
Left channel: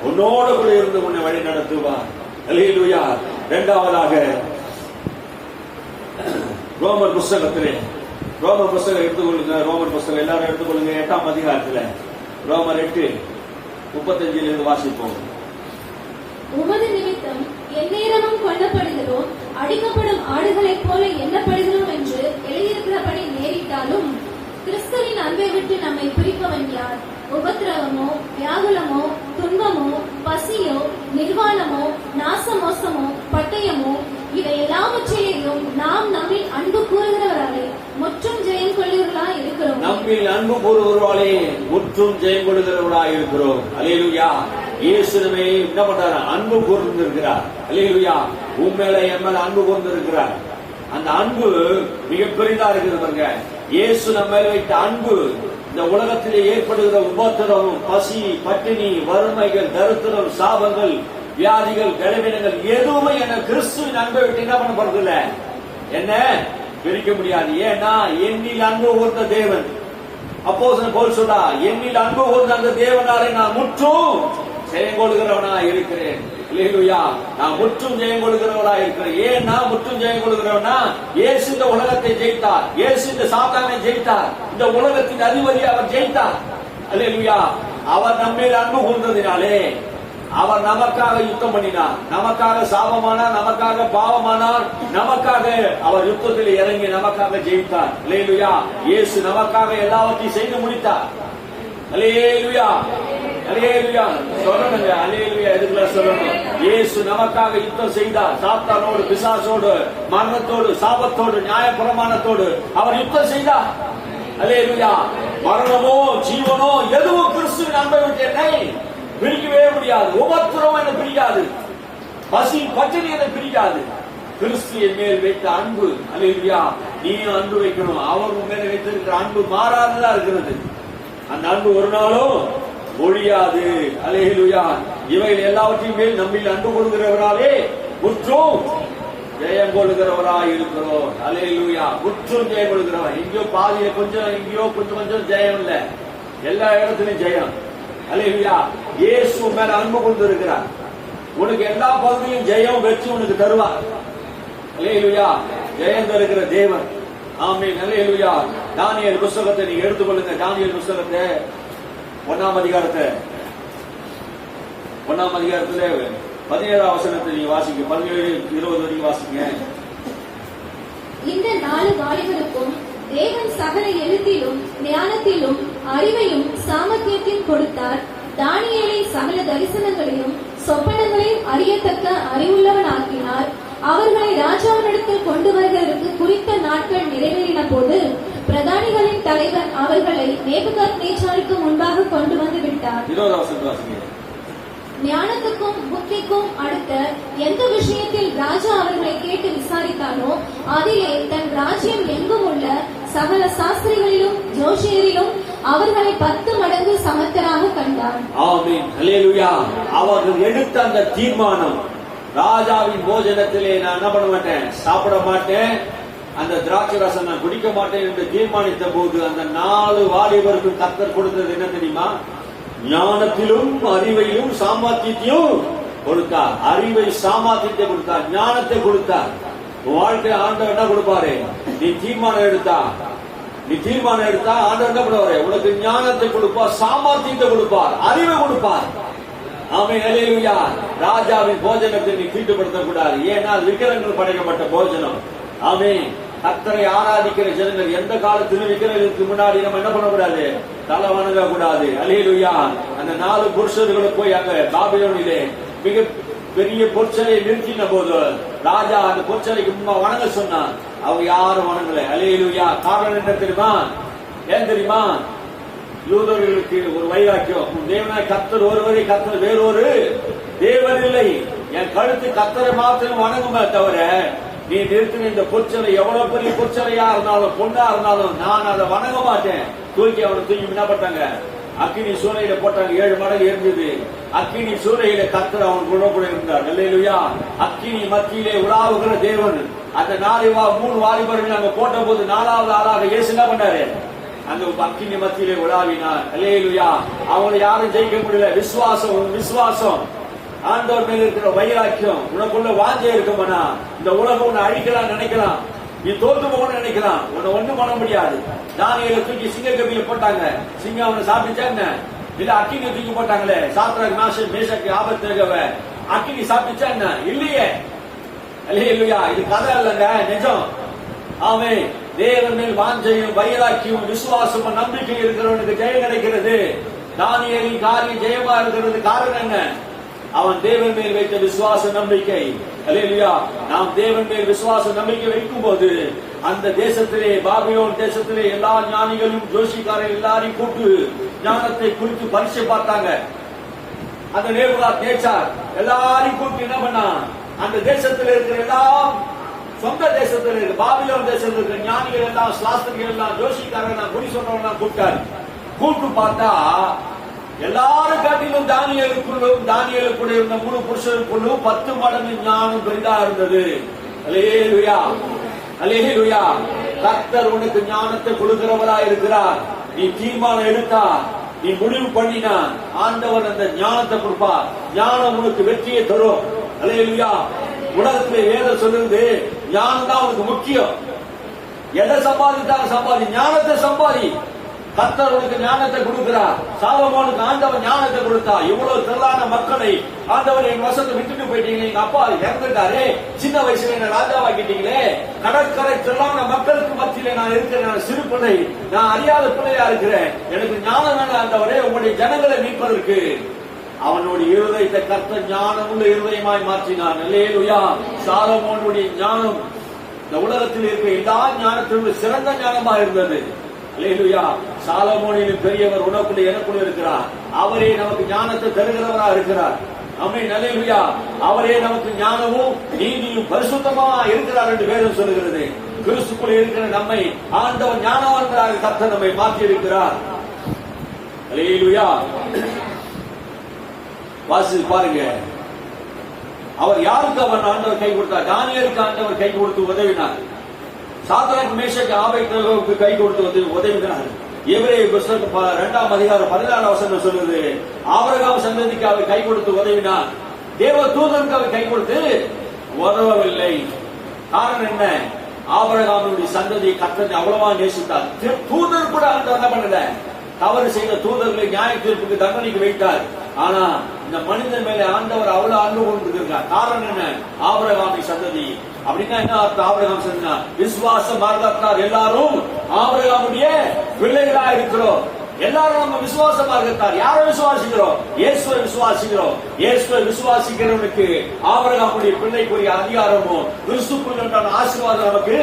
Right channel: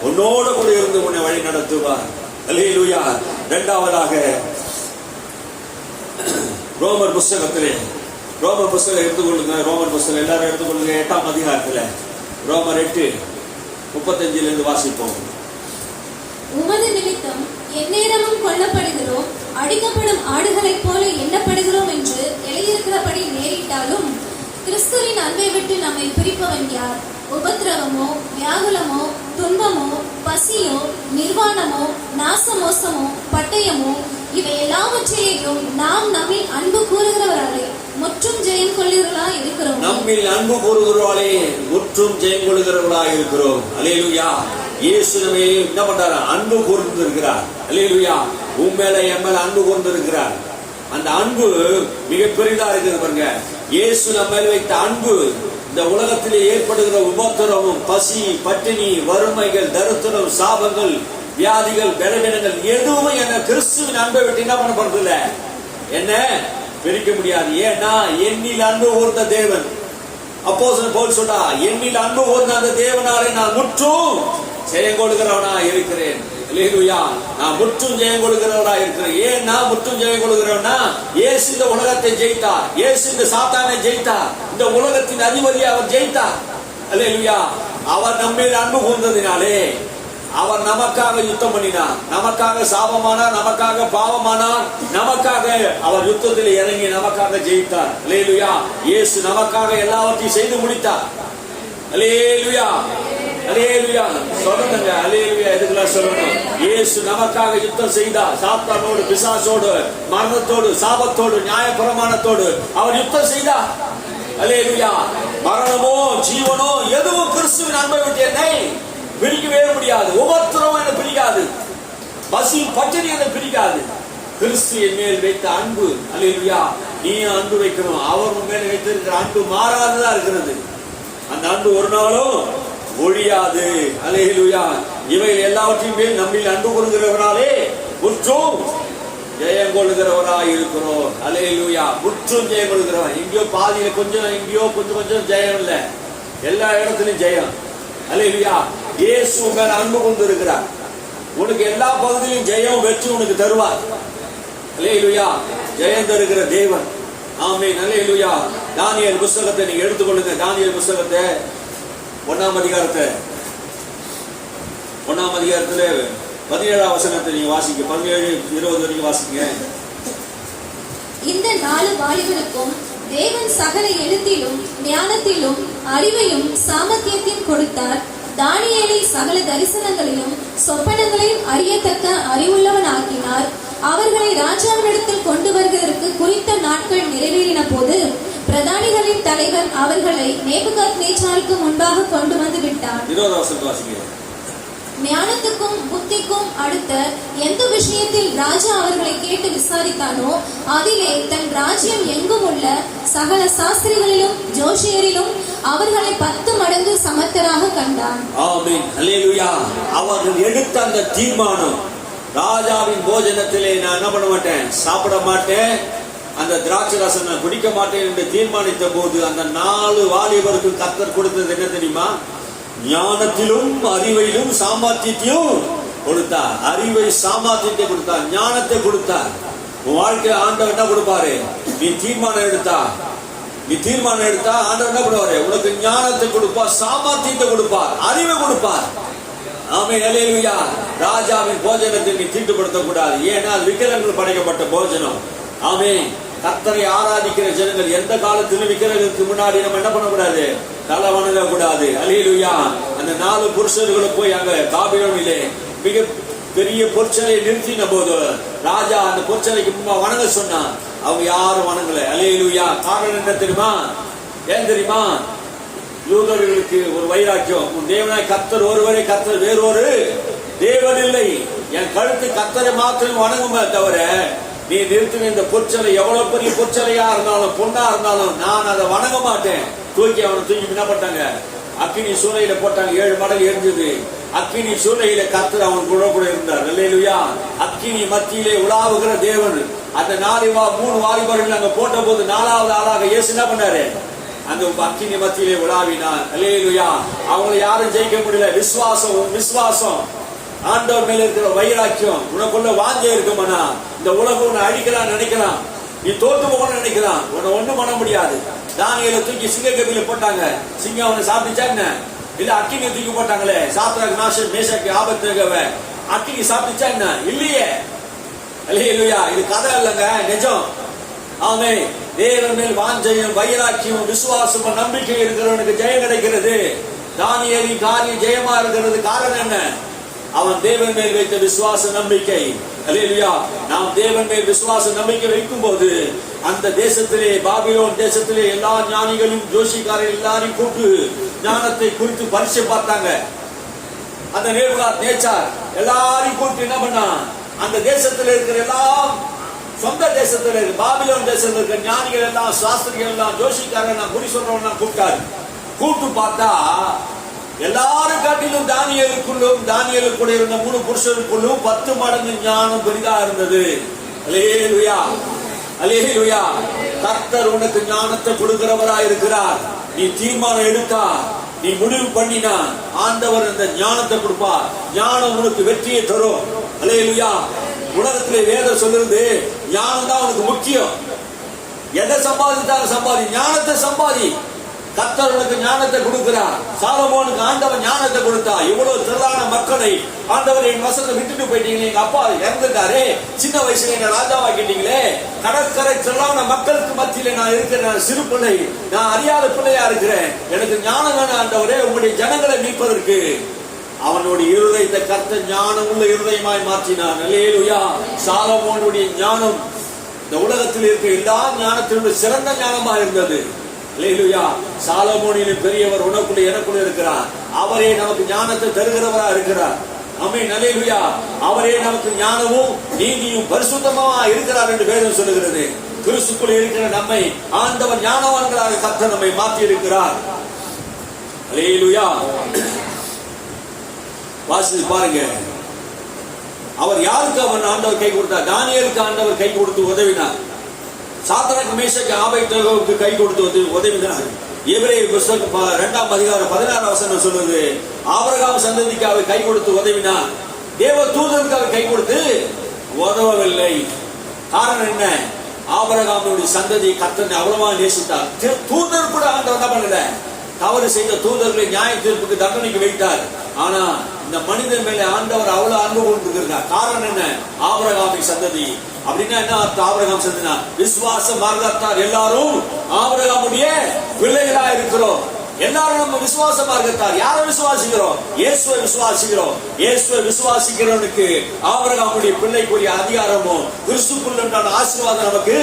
உன்னோடு கூட இருந்து உன்னை வழி நடத்துவார். அல்லேலூயா. இரண்டாவதாக ரோமர் புஸ்தகத்திலே, ரோமர் புஸ்தகம் எடுத்துக்கொள்ளுங்க. ரோமர் புஸ்தகம் எல்லாரும் எடுத்துக்கொள்ளுங்க. 8ஆம் அதிகாரத்துல ரோமர் 8:35 இருந்து வாசிப்போம். உமது நிமித்தம் எந்நேரமும் கொல்லப்படுகிறோம், அடிக்கப்படும் ஆடுகளைப் போல எண்ணப்படுகிறோம் என்று எழுதியிருக்கிறபடி நேரிட்டாலும் கிறிஸ்துவின் அன்பை விட்டு நம்மை பிரிப்பவன் யார்? உபத்திரவமோ, வியாகுலமோ, துன்பமோ, பசியோ, நிர்வாணமோ, நாசமோசமோ, பட்டயமோ, இவை எல்லாவற்றையும் நாம் நம்மில் அன்பு கூறுகிறவர்களே முற்றும் ஜெயம் கொள்ளுகிறவர்களாய் இருக்கிறோம். நம்மில் அன்பு கூறுகிறவர்களே முற்றும் ஜெயம் கொள்ளுகிறவர்களாய் இருக்கிறோம். அல்லேலூயா. இயேசு நம்மை என்ன பண்றாரு? அன்பு கூர்ந்திருக்கிறார். அல்லேலூயா. உண்மையில என் மேல அன்பு கூர்ந்திருக்கிறார். அந்த அன்பு மிக பெரிதா இருக்குது பாருங்க. இயேசு நம்ம மேல வைத்த அன்பு இந்த உலகத்திலே ஏற்படுகிற உபத்திரமும், பசி, பட்டினி, வறுமைகள், தரித்திரம், சாபங்கள், வியாதிகள், பலவீனங்கள் எதுவுமே என்ன கிறிஸ்துவின் அன்பை விட்டு என்ன பண்ண போறது இல்ல, என்ன பிரிக்க முடியாது. ஏன்னா என்னில் அன்பு கூர்ந்த தேவன், அப்போஸ்தலன் பவுல் சொல்றா, என்னில் அன்பு கூர்ந்த அந்த தேவனாலே நான் முற்றும் ஜெயம் கொடுக்கிறவனா இருக்கிறேன். அல்லேலூயா. நான் முற்றும் ஜெயம் கொடுக்கிறவனா இருக்கிறேன். ஏன் நான் முற்றும் ஜெயம் கொடுக்கிறவனா? இயேசு இந்த உலகத்தை ஜெயித்தார். இயேசு இந்த சாத்தானை ஜெயித்தார். இந்த உலகத்தின் அதிபதியை அவர் ஜெயித்தார். அல்லேலூயா. அவர் நம்மேல் அன்பு கூர்ந்ததினாலே அவர் நமக்காக யுத்தம் பண்ணினார், நமக்காக சாபமானார், நமக்காக பாவமானார், நமக்காக அவர் யுத்தத்தில் இறங்கி நமக்காக ஜெயித்தார். அல்லேலூயா. இயேசு நமக்காக எல்லாவற்றையும் செய்து முடித்தார். அல்லேலூயா, அல்லேலூயா. சொல்லணுங்க, அல்லேலூயா. எதுக்குள்ள சொல்லணும்? இயேசு நமக்காக யுத்தம் செய்தார். சாத்தானோடு, பிசாசோடு, மரணத்தோடு, சாபத்தோடு, நியாயப்பிரமாணத்தோடு அவர் யுத்தம் செய்தார். அல்லேலூயா. மரணமோ ஜீவனோ எதுவும் கிறிஸ்துவின் அன்பை விட்டு என்னை பிரிக்கவே முடியாது. உபத்திரம் என்னை பிரிக்காது, பசி பட்டினி என்னை பிரிக்காது. கிறிஸ்து என் மேல் வைத்த அன்பு, அல்லேலூயா. நீ அன்பு வைக்கணும். அவர் உன் மேல் வைத்திருக்கிற அன்பு மாறாததா இருக்கிறது. அந்த அன்பு ஒரு நாளும் ஒழியாது. அல்லேலூயா. இவை எல்லாவற்றையும் மேல் நம்மில் அன்பு கொள்கிறவராலே முற்றும் ஜெயம் கொள்கிறவராய் இருக்கிறோம். அல்லேலூயா. முற்றும் ஜெயம் கொள்கிறவர். எங்கேயோ பாதியில கொஞ்சம், எங்கேயோ கொஞ்சம் கொஞ்சம் ஜெயம் இல்ல, எல்லா இடத்துலயும் ஜெயம். அல்லேலூயா. இயேசு மேல அன்பு கொண்டு இருக்கிறார். உனக்கு எல்லா பகுதியிலும் ஜெயம் வெற்றி உனக்கு தருவார். அல்லேலூயா. ஜெயம் தருகிற தேவன். ஆமென். அல்லேலூயா. தானியேல் புத்தகத்தை நீங்க எடுத்துக்கொள்ளுங்க. தானியேல் புத்தகத்தை 1ஆம் அதிகாரத்தை 1ஆம் அதிகாரத்துல 17ஆம் வசனத்தை நீங்க வாசிங்க. 17-20 வரைக்கும் வாசிங்க. இந்த 4 வாலிபருக்கும் தேவன் சகல எழுத்திலும் ஞானத்திலும் அறிவையும் சாமர்த்தியத்தையும் கொடுத்தார். தானியேலை சகல தரிசனங்களையும் சொப்பனங்களையும் அறியத்தக்க அறிவுள்ளவன் ஆக்கினார். அவர்களை ராஜாவினிடத்தில் கொண்டு வருவதற்கு குறித்த நாட்கள் நிறைவேறின போது பிரதானிகளின் தலைவன் அவர்களை நேபுகாத்நேச்சாருக்கு முன்பாக கொண்டு வந்து விட்டார். 20ஆம் வசனத்தை வாசிங்க. ஞானத்துக்கும் புத்திக்கும் அடுத்த எந்த விஷயத்தில் ராஜா அவர்களை கேட்டு விசாரித்தானோ அதிலே தன் ராஜ்யம் எங்கும் உள்ள சகல சாஸ்திரிகளிலும் ஜோஷியரிலும் அவர்களை 10 மடங்கு சமர்த்தராக கண்டான். ஆமென். அல்லேலூயா. அவர்கள் எடுத்த அந்த தீர்மானம், ராஜாவின் போஜனத்திலே நான் என்ன பண்ண மாட்டேன், சாப்பிட மாட்டேன், அந்த திராட்சை ரசம் நான் குடிக்க மாட்டேன் என்று தீர்மானித்த போது அந்த 4 வாலிபருக்கு கர்த்தர் கொடுத்தது என்ன தெரியுமா? ஞானத்திலும் அறிவையிலும் சாமர்த்தியத்தையும் கொடுத்தார். அறிவை சாமர்த்தியத்தை கொடுத்தார், ஞானத்தை கொடுத்தார். உன் வாழ்க்கையில ஆண்டவர் என்ன கொடுப்பாரு? நீ தீர்மானம் எடுத்தா ஆண்டவர் என்ன பண்ணுவாரு? உனக்கு ஞானத்தை கொடுப்பார், சாமர்த்தியத்தை கொடுப்பார், அறிவை கொடுப்பார். ஆமென். அல்லேலூயா. ராஜாவின் போஜனத்தை நீ தீட்டுப்படுத்த கூடாது. ஏன்னா அது விக்கிரகங்கள் படைக்கப்பட்ட போஜனம். ஆமென். கர்த்தரை ஆராதிக்கிற ஜனங்கள் எந்த காலத்திலும் விக்கிரகத்துக்கு முன்னாடி நம்ம என்ன பண்ணக்கூடாது? தலை வணங்க கூடாது. அல்லேலூயா. அந்த 4 புருஷர்களும் போய் அங்க பாபிலோனிலே மிக பெரிய பொற்சலை நிறுத்தின போது ராஜா அந்த பொற்சலைக்கு முன்பா வணங்க சொன்னான். அவங்க யாரும் வணங்கல. அல்லேலூயா. காரணம் என்ன தெரியுமா? ஏன் தெரியுமா? யூதர்களுக்கு ஒரு வைராக்கியம். உன் தேவனாய் கர்த்தர் ஒருவரே, கர்த்தர் வேறொரு தேவன் இல்லை. என் கழுத்து கர்த்தரை மாத்திரம் வணங்குமே தவிர நீ நிறுத்தின இந்த பொற்சலை எவ்வளவு பெரிய பொற்சலையா இருந்தாலும் பொண்ணா இருந்தாலும் நான் அதை வணங்க மாட்டேன். அவனை தூக்கி என்ன பண்ணாங்க? அக்கினி சூளையில போட்டாங்க. 7 மடங்கு எரிஞ்சது. அக்கினி சூளையில கர்த்தர் அவன் கூட இருந்தார். அல்லேலூயா. அக்கினி மத்தியிலே உலாவுகிற தேவன். அந்த 3 வாலிபர்கள் அங்க போட்ட போது 4வது ஆளாக இயேசு என்ன பண்ணாரு? அந்த அக்கினி மத்தியிலே உலாவினார். அல்லேலூயா. அவங்களை யாரும் ஜெயிக்க முடியல. விசுவாசம் ஆண்டவர் மேல இருக்கிற வைராக்கியம், உனக்குள்ள வாஞ்சை இருக்குமானா இந்த உலகம் உன்னை அழிக்கலாம் நினைக்கலாம், நீ தோத்து போகணும்னு நினைக்கலாம், உன்னை ஒண்ணும் பண்ண முடியாது. தானியேலை தூக்கி சிங்கக்கபில போட்டாங்க. சிங்கம் அவனை சாப்பிட்டுச்சா என்ன? இல்ல அக்கினி தூக்கி போட்டாங்களே, சாத்ராக் மேஷக் மேஷாக் ஆபேத்நேகோவை அக்கினி சாப்பிட்டுச்சா என்ன? இல்லையே. அல்லேலூயா. இது கதை இல்லைங்க, நிஜம். ஆமென். தேவன் மேல் வாஞ்சையும் வைராக்கியம் விசுவாசமும் நம்பிக்கை இருக்கிறவனுக்கு ஜெயம் கிடைக்கிறது. தானியேலின் காரியம் ஜெயமா இருக்கிறது. காரணம் என்ன? அவன் தேவன் மேல் வைத்த விசுவாச நம்பிக்கை. அல்லேலூயா. நாம் தேவன் மேல் விசுவாச நம்பிக்கை வைக்கும் போது அந்த தேசத்திலே, பாபிலோன் தேசத்திலே எல்லா ஞானிகளும் ஜோசிக்காரர்கள் எல்லாரையும் கூட்டு ஞானத்தை குறித்து பரிசை பார்த்தாங்க. அந்த நேபுகாத்நேச்சார் எல்லாரையும் கூட்டு என்ன பண்ணா? அந்த தேசத்தில் இருக்கிற எல்லாம், சொந்த தேசத்தில் இருக்கிற பாபிலோன் தேசத்தில் இருக்கிற ஞானிகள் எல்லாம், சாஸ்திரிகள் எல்லாம், ஜோசிக்காரர்கள் எல்லாம், குறி சொல்றவங்க எல்லாம் கூப்பிட்டாரு. கூப்பிட்டு பார்த்தா எல்லாரும் காட்டிலும் தானியேலுக்குள்ள இருந்த 3 புருஷருக்குள்ளும் 10 மடங்கு ஞானம் பெரிதா இருந்தது. அல்லேலூயா. அல்லேலூயா. கர்த்தர் உனக்கு ஞானத்தை கொடுக்கிறவரா இருக்கிறார். நீ தீர்மானம் எடுத்தா, நீ முடிவு பண்ணினா ஆண்டவர் அந்த ஞானத்தை கொடுப்பார். ஞானம் உனக்கு வெற்றியை தரும். அல்லேலூயா. உலகத்திலே வேதம் சொல்லுறது ஞானம் தான் உனக்கு முக்கியம். எதை சம்பாதித்தாலும் சம்பாதி, ஞானத்தை சம்பாதி. கர்த்தருக்கு ஞானத்தை கொடுக்கிறார். சாலமோனுக்கு ஆண்டவர் ஞானத்தை கொடுத்தா. இவ்வளவு திரளான மக்களை ஆண்டவர் என் வசத்தை விட்டுட்டு போயிட்டீங்களே, எங்க அப்பா இறந்துட்டாரே, சின்ன வயசுல என்ன ராஜாவாக்கிட்டீங்களே, கடற்கரை திரளான மக்களுக்கு மத்தியில நான் இருக்கிறேன், நான் சிறு பிள்ளை, நான் அறியாத பிள்ளையா இருக்கிறேன், எனக்கு ஞானம் வேணும் ஆண்டவரே உங்களுடைய ஜனங்களை மீட்பதற்கு. அவனுடைய இருதயத்தை கர்த்தர் ஞானம் உள்ள இருதயமாய் மாற்றினான். அல்லேலூயா. சாலமோனுடைய ஞானம் இந்த உலகத்தில் இருக்க எல்லா ஞானத்திலும் சிறந்த ஞானமா இருந்தது. அல்லேலூயா. சாலமோனிலும் பெரியவர் உனக்குள்ள எனக்குள்ள இருக்கிறார். அவரே நமக்கு ஞானத்தை தருகிறவரா இருக்கிறார். ஆமென். அல்லேலூயா. அவரே நமக்கு ஞானமும் நீதியும் பரிசுத்தமா இருக்கிறார் என்று வேதம் சொல்லுகிறது. கிறிஸ்துக்குள் இருக்கிற நம்மை ஆண்டவர் ஞானவான்களாக கர்த்தர் நம்மை மாற்றி இருக்கிறார். அல்லேலூயா. வாசித்து பாருங்க. அவர் யாருக்கு அவர் ஆண்டவர் கை கொடுத்தார்? தானியேலுக்கு ஆண்டவர் கை கொடுத்து உதவினார். சாத்ராக் மேஷாக் ஆபேத்நேகோவுக்கு கை கொடுத்து உதவினார். எபிரேயர் புத்தகம் 2ஆம் அதிகாரம் 16ஆம் வசனம் சொல்லுது, ஆபிரகாம் சந்ததிக்கு அவர் கை கொடுத்து உதவினார். தேவ தூதருக்கு அவர் கை கொடுத்து உதவவில்லை. காரணம் என்ன? ஆபிரகாமுடைய சந்ததி கர்த்தரை அவ்வளவா நேசித்தார். தூதர் கூட ஆண்டவர் என்ன பண்ணல, தவறு செய்த தூதர்களை நியாய தீர்ப்புக்கு தண்டனைக்கு வைத்தார். ஆனா இந்த மனிதன் மேல ஆண்டவர் அவ்வளவு அன்பு கொண்டிருக்கிறார். காரணம் என்ன? ஆபிரகாமின் சந்ததி. அப்படின்னா என்ன அர்த்தம்? ஆபிரகாம் சந்ததினா விசுவாச மார்க்கத்தார் எல்லாரும் ஆபிரகாமுடைய பிள்ளைகளா இருக்கிறோம். எல்லாரும் நம்ம விசுவாச மார்க்கத்தார். யாரை விசுவாசிக்கிறோம்? இயேசுவை விசுவாசிக்கிறோம். இயேசுவை விசுவாசிக்கிறவனுக்கு ஆபிரகாமுடைய பிள்ளைக்குரிய அதிகாரமும் கிறிஸ்துக்குள் உண்டான ஆசீர்வாதம் நமக்கு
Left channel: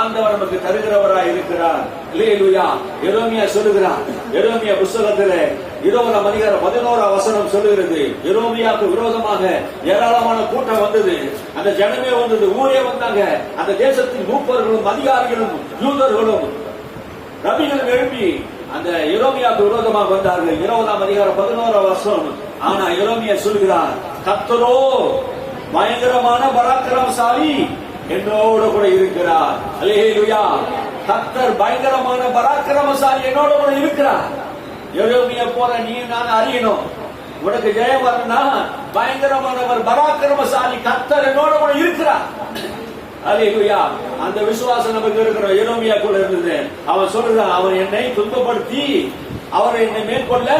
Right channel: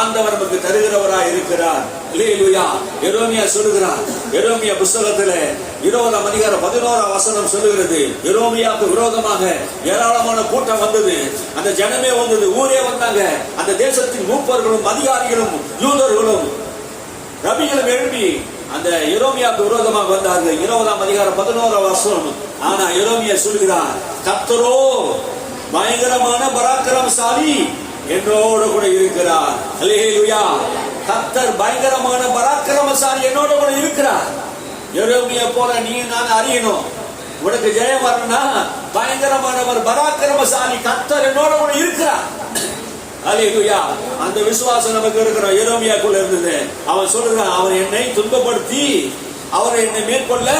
ஆண்டவர் நமக்கு தருகிறவராய் இருக்கிறார். அல்லேலூயா. எரேமியா சொல்லுகிறார். எரேமியா புத்தகத்திலே 20ஆம் அதிகாரம் 11ஆம் வசனம் சொல்லுகிறது, எரேமியாவுக்கு விரோதமாக ஏராளமான கூட்டம் வந்தது. அந்த ஜனமே வந்தது, ஊரே வந்தாங்க. அந்த தேசத்தின் மூப்பர்களும் அதிகாரிகளும் யூதர்களும் ரபிகளும் எழுப்பி அந்த எரேமியாவுக்கு விரோதமாக வந்தார்கள். 20ஆம் அதிகாரம் 11ஆம் வசனம். ஆனா எரேமியா சொல்கிறார், கர்த்தரோ பயங்கரமான பராக்கிரமசாலி என்னோட கூட இருக்கிறார். அல்லேலூயா. கர்த்தர் பயங்கரமான பராக்கிரமசாலி என்னோட கூட இருக்கிறார். எரேமியா போல நீ நான் அறியணும். உனக்கு ஜெயம் வரணும்னா பயங்கரமானவர் பராக்கிரமசாலி கர்த்தர் என்னோட கூட இருக்கிறார். அல்லேலூயா. அந்த விசுவாசம் நமக்கு இருக்கிறோம். எரேமியாக்குள்ள இருந்தது. அவன் சொல்றான், அவர் என்னை துன்பப்படுத்தி அவர் என்னை மேற்கொள்ள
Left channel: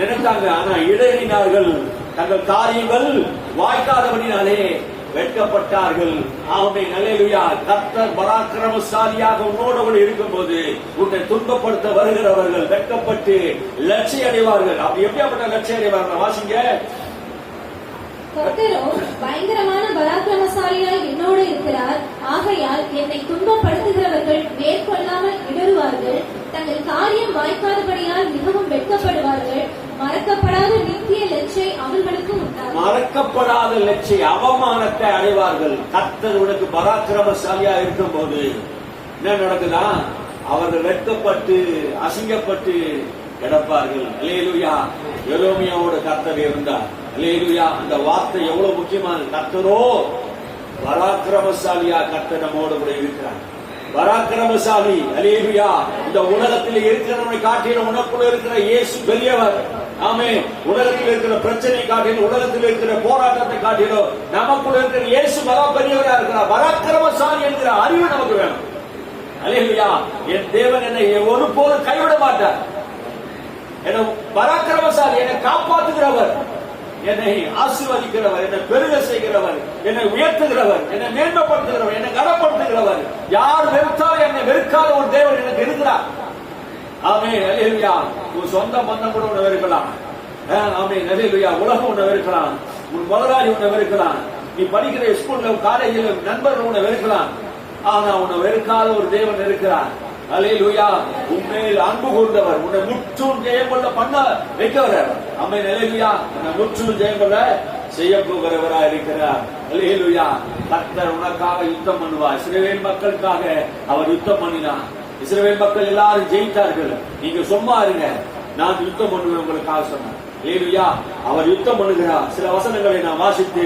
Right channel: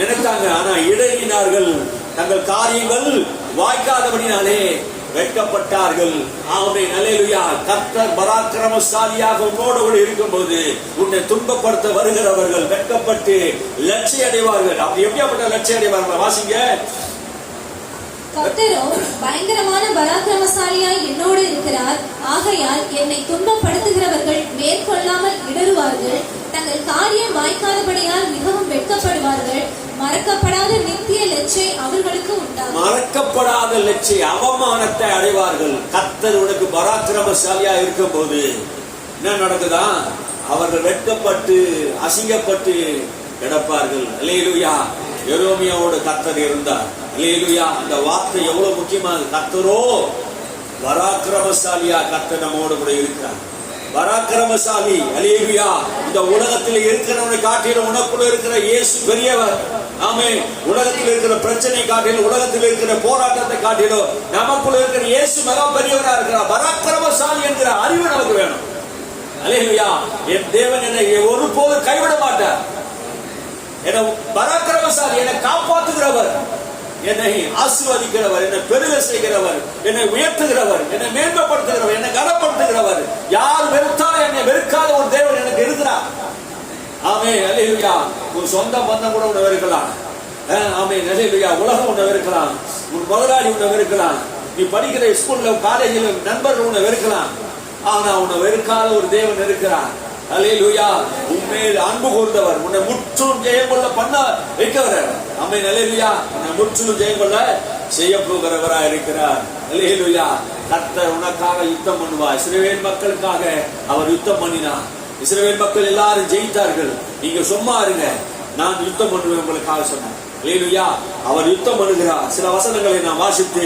நினைத்தாங்க, ஆனா இடையினார்கள், தங்கள் காரியங்கள் வாய்க்காதபடினாலே வெட்கப்பட்டார்கள். ஆமென். அல்லேலூயா. கர்த்தர் பராக்கிரமசாலியாக உன்னோடு கூட இருக்கும்போது உன்னை துன்பப்படுத்த வருகிறவர்கள் வெட்கப்பட்டு லட்சியம் அடைவார்கள். அப்படி எப்படியாப்பட்ட லட்சியம் அடைவார்கள்? வாசிங்க. கர்த்தரோ பயங்கரமான பராக்கிரமசாலியாய் என்னோடு இருக்கிறார். ஆகையால் என்னை துன்பப்படுத்துகிறவர்கள் மேற்கொள்ளாமல் இடறுவார்கள். தங்கள் காரியம் வாய்க்காதபடியால் மிகவும் வெட்கப்படுவார்கள். மறக்கப்படாத நித்திய லட்சை அவர்களுக்கு உண்டாகும். மறக்கப்படாத லட்சை அவமானத்தை அடைவார்கள். கர்த்தர் உனக்கு பராக்கிரமசாலியா இருக்கும் போது என்ன நடக்குதா? அவர்கள் வெட்கப்பட்டு அசிங்கப்பட்டு கிடப்பார்கள். அல்லேலூயா. எரேமியாவோட கர்த்தர் இருந்தார். அல்லேலூயா. அந்த வார்த்தை எவ்வளவு முக்கியமானது. கர்த்தரோ பராக்கிரமசாலியா கர்த்தர் நம்மோடு கூட இருக்கிறார். பராக்கிரமசாலி. அல்லேலூயா. இந்த உலகத்தில் இருக்கிறவனை காட்டிலும் உனக்குள்ள இருக்கிற இயேசு பெரியவர். ஆமென். உலகத்தில் இருக்கிற பிரச்சனை காட்டிலும், உலகத்தில் இருக்கிற போராட்டத்தை காட்டிலும் நமக்குள்ள இருக்கிற இயேசு மகா பெரியவரா இருக்கிறார். பராக்கிரமசாலி என்கிற அறிவு நமக்கு வேணும். அல்லேலூயா. என் தேவன் என்னை ஒருபோது கைவிட மாட்டார். என்னை பராக்கிரமசாலி, என்னை காப்பாற்றுகிறவர், என்னை ஆசீர்வதிக்கிறவர், என்னை பெருக செய்கிறவர், என்னை உயர்த்துகிறவர், என்னை மேன்மைப்படுத்துகிறவர், என்னை கனப்படுத்துகிறவர். யார் வெறுத்தாலும் என்னை வெறுக்காத ஒரு தேவன் எனக்கு இருக்கிறார். ஆமென். அல்லேலூயா. ஒரு சொந்த பந்தம் கூட உன்னை வெறுக்கலாம். ஆமென். அல்லேலூயா. உலகம் உன்னை வெறுக்கலாம். உன் முதலாளி உன்னை வெறுக்கலாம். நீ படிக்கிற ஸ்கூல்ல காலேஜில் நண்பர்கள் உன்னை வெறுக்கலாம். ஆனா உன்னை வெறுக்காத ஒரு தேவன் இருக்கிறார். அல்லேலூயா. உண்மையில் அன்பு கூர்ந்தவர், உன்னை முற்றும் ஜெயம் கொள்ள பண்ண வைக்கிறவர். ஆமென். அல்லேலூயா. உன்னை முற்றும் ஜெயம் கொள்ள செய்ய போகிறவரா இருக்கிறார். அல்லேலூயா. கர்த்தர் உனக்காக யுத்தம் பண்ணுவார். இஸ்ரவேல் மக்களுக்காக அவர் யுத்தம் பண்ணினார். இஸ்ரவேல் மக்கள் எல்லாரும் ஜெயித்தார்கள். நீங்க சும்மா இருங்க, நான் யுத்தம் பண்ணுவேன் உங்களுக்காக சொன்னார். அல்லேலூயா. அவர் யுத்தம் பண்ணுகிறார். சில வசனங்களை நான் வாசித்து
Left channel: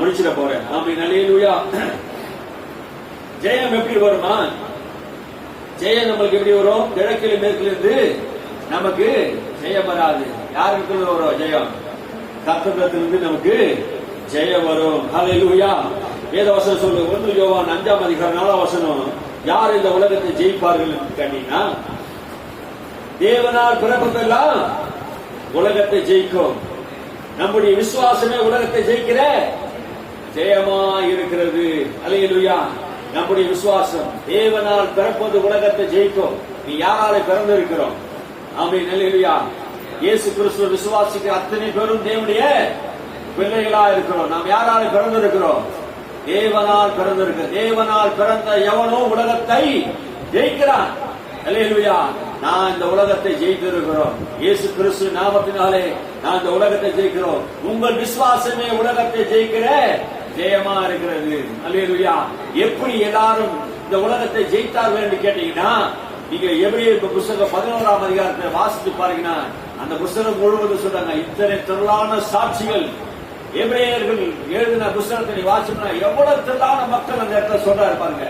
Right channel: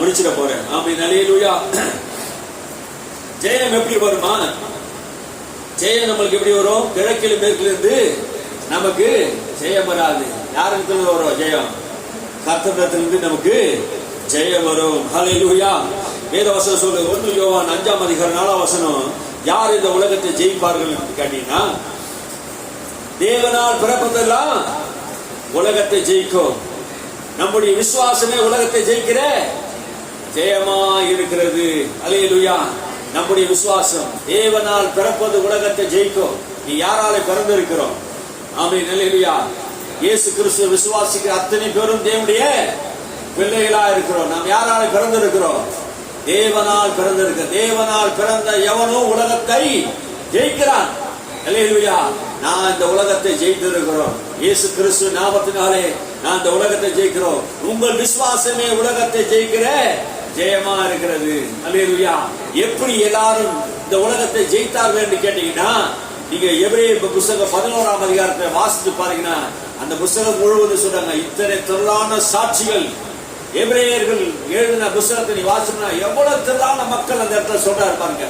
முடிச்சிட போறேன். ஆமென். அல்லேலூயா. ஜெயம் எப்படி வருமா? ஜெயம் நம்மளுக்கு எப்படி வரும்? கிழக்கிலும் மேற்கிலிருந்து நமக்கு ஜெயம் வராது. யாருக்கு வரும் ஜெயம்? கர்த்தரிடத்திலிருந்து நமக்கு ஜெயம் வரும். ஹல்லேலூயா. வேத வசனம் சொல்லுங்க. 1 யோவான் 5ஆம் அதிகாரம் 4ஆம் வசனம். யார் இந்த உலகத்தை ஜெயிப்பார்கள் என்று கேட்டீங்கன்னா, தேவனால் பிறப்பதெல்லாம் உலகத்தை ஜெயிக்கும். நம்முடைய விசுவாசமே உலகத்தை ஜெயிக்கிற ஜெயமா இருக்கிறது. அல்லேலூயா. நம்முடைய விசுவாசம் தேவனால் பிறப்பது உலகத்தை ஜெயிக்கும். நீ யாரால பிறந்திருக்கிறோம்? ஆமென். அல்லேலூயா. இயேசு கிறிஸ்துவை விசுவாசிக்கிற அத்தனை பேரும் தேவனுடைய பிள்ளைகளா இருக்கிறோம். நாம் யாரால பிறந்திருக்கிறோம்? தேவனால் பிறந்திருக்க. தேவனால் பிறந்த எவனோ உலகத்தை ஜெயிக்கிறான். அல்லேலூயா. நான் இந்த உலகத்தை ஜெயித்திருக்கிறோம். இயேசு கிறிஸ்து நாமத்தினாலே நான் இந்த உலகத்தை ஜெயிக்கிறோம். உங்கள் விசுவாசமே உலகத்தை ஜெயிக்கிற ஜெயமா இருக்கிறது. அல்லேலூயா. எப்படி எல்லாரும் இந்த உலகத்தை ஜெயித்தார்கள் என்று கேட்டீங்கன்னா, நீங்க எபிரேயர் புத்தகம் 11ஆம் அதிகாரத்தை வாசித்து பாருங்கன்னா, அந்த புத்தகம் முழுவதும் சொல்றாங்க, இத்தனை திரளான சாட்சிகள். எபிரேயர்கள் எழுதின புத்தகத்தை நீ வாசிச்சா எவ்வளவு திரளான மக்கள் அந்த இடத்துல சொல்றாரு பாருங்க.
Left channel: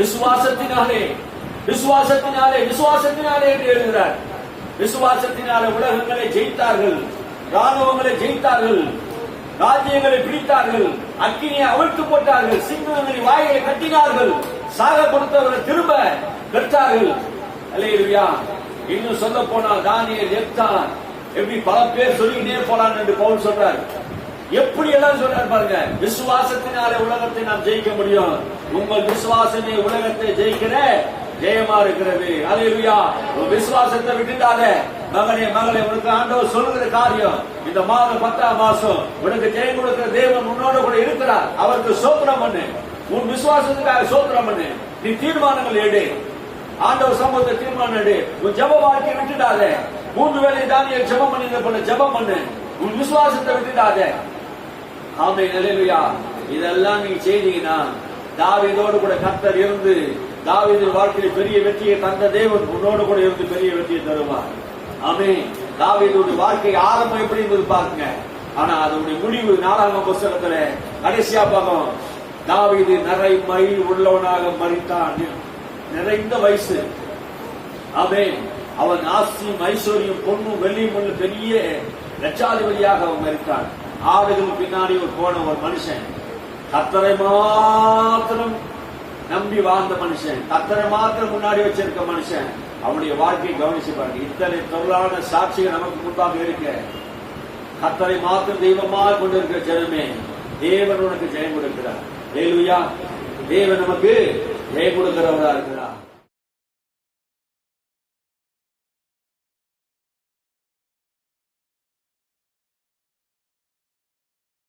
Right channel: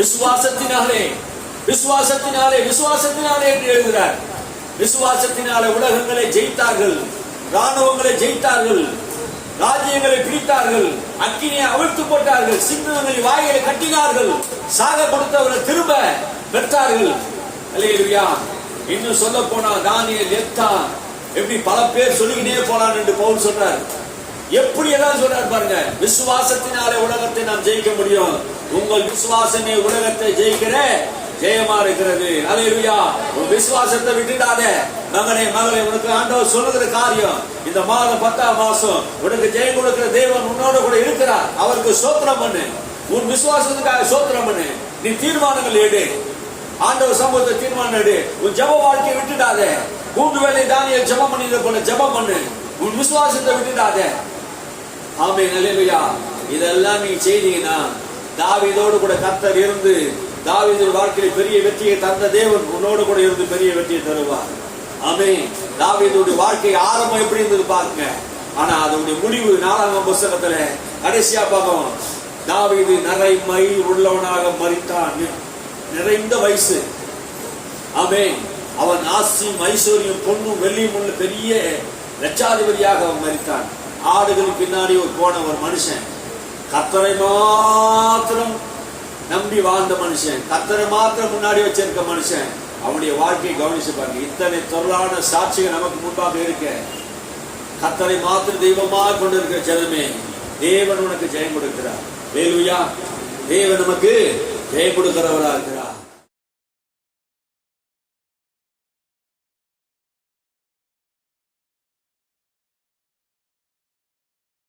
விசுவாசத்தினாலே விசுவாசத்தினாலே விசுவாசத்தினாலே என்று எழுதுகிறார். விசுவாசத்தினாலே உலகங்களை ஜெயித்தார்கள், ராணுவங்களை ஜெயித்தார்கள், ராஜ்யங்களை பிடித்தார்கள், அக்கினியை அவிழ்த்து போட்டார்கள், சிங்கங்களின் வாயை கட்டினார்கள், சாக கொடுத்தவரை திரும்ப பெற்றார்கள். அல்லேலூயா. இன்னும் சொல்ல போனா தானியேல், எப்தா, எப்படி பல பேர் சொல்லிக்கிட்டே போனான் என்று பவுல் சொல்றார். எப்படி எல்லாம் சொல்றார் பாருங்க. விசுவாசத்தினாலே உலகத்தை நாம் ஜெயிக்க முடியும். உங்கள் விசுவாசமே உலகத்தை ஜெயிக்கிற ஜெயமா இருக்கிறது. அல்லேலூயா. விசுவாசத்தை விட்டுட்டாத மகனே மகளே, உனக்கு ஆண்டவர் சொல்லுகிற காரியம், இந்த மாதம் 10ஆம் மாசம் உனக்கு ஜெயம் கொடுக்கிற தேவன் உன்னோட கூட இருக்கிறார். அவருக்கு ஸ்தோத்திரம் பண்ணு. உன் விசுவாசத்துக்காக ஸ்தோத்திரம் பண்ணு. நீ தீர்மானங்கள் எடு. ஆண்டவர் சமூகத்தை தீர்மானம் எடு. உன் ஜெப வாழ்க்கையை விட்டுடாத. 3 வேளை தானியேல் ஜெபம் பண்ணியதை போல ஜெபம் பண்ணு. உன் விசுவாசத்தை விட்டுடாத. ஆமென். அல்லேலூயா. இதெல்லாம் நீங்க செய்தீங்கன்னா, தாவீதோடு கூட கர்த்தர் இருந்து தாவீதின் வாழ்க்கையில் பெரிய வெற்றியை தந்த தேவன் உன்னோடு கூட இருந்து பெரிய வெற்றியை தருவார். ஆமென். தாவீதுடைய வாழ்க்கை ஆரம்பம் எப்படி இருந்தது பாருங்க. ஆனா அதனுடைய முடிவு 4ஆம் புத்தகத்துல கடைசியா பார்க்கணும். தாவீது நிறைமை உள்ளவனாக மரித்தான். நிறைந்த வயசு. ஆமென். அவன் ஆசியும் ஐஸ்வர்யம் பொன்னும் வெள்ளியும் உள்ள பெரிய லட்சாதிபதியாக அவன் மரித்தான். ஆடுகள் பின்னாடி போன ஒரு மனுஷன், கர்த்தரை மாத்திரம் நம்பி வாழ்ந்த மனுஷன், கர்த்தரை மாத்திரம் முன்னாடி வச்சிருக்க மனுஷன், அவனுடைய வாழ்க்கையை கவனிச்சு பாருங்க. இத்தனை தொழிலான சாட்சிகள் நமக்கு முன்பாக இருக்க, கர்த்தரை மாத்திரம் தெய்வமாக கொண்டிருக்கிற ஜனமே, தேவன் உனக்கு ஜெயம் கொடுக்கிறார். அல்லேலூயா. தேவன் நமக்கு ஜெயம் கொடுக்கிறவரா இருக்கிறார்.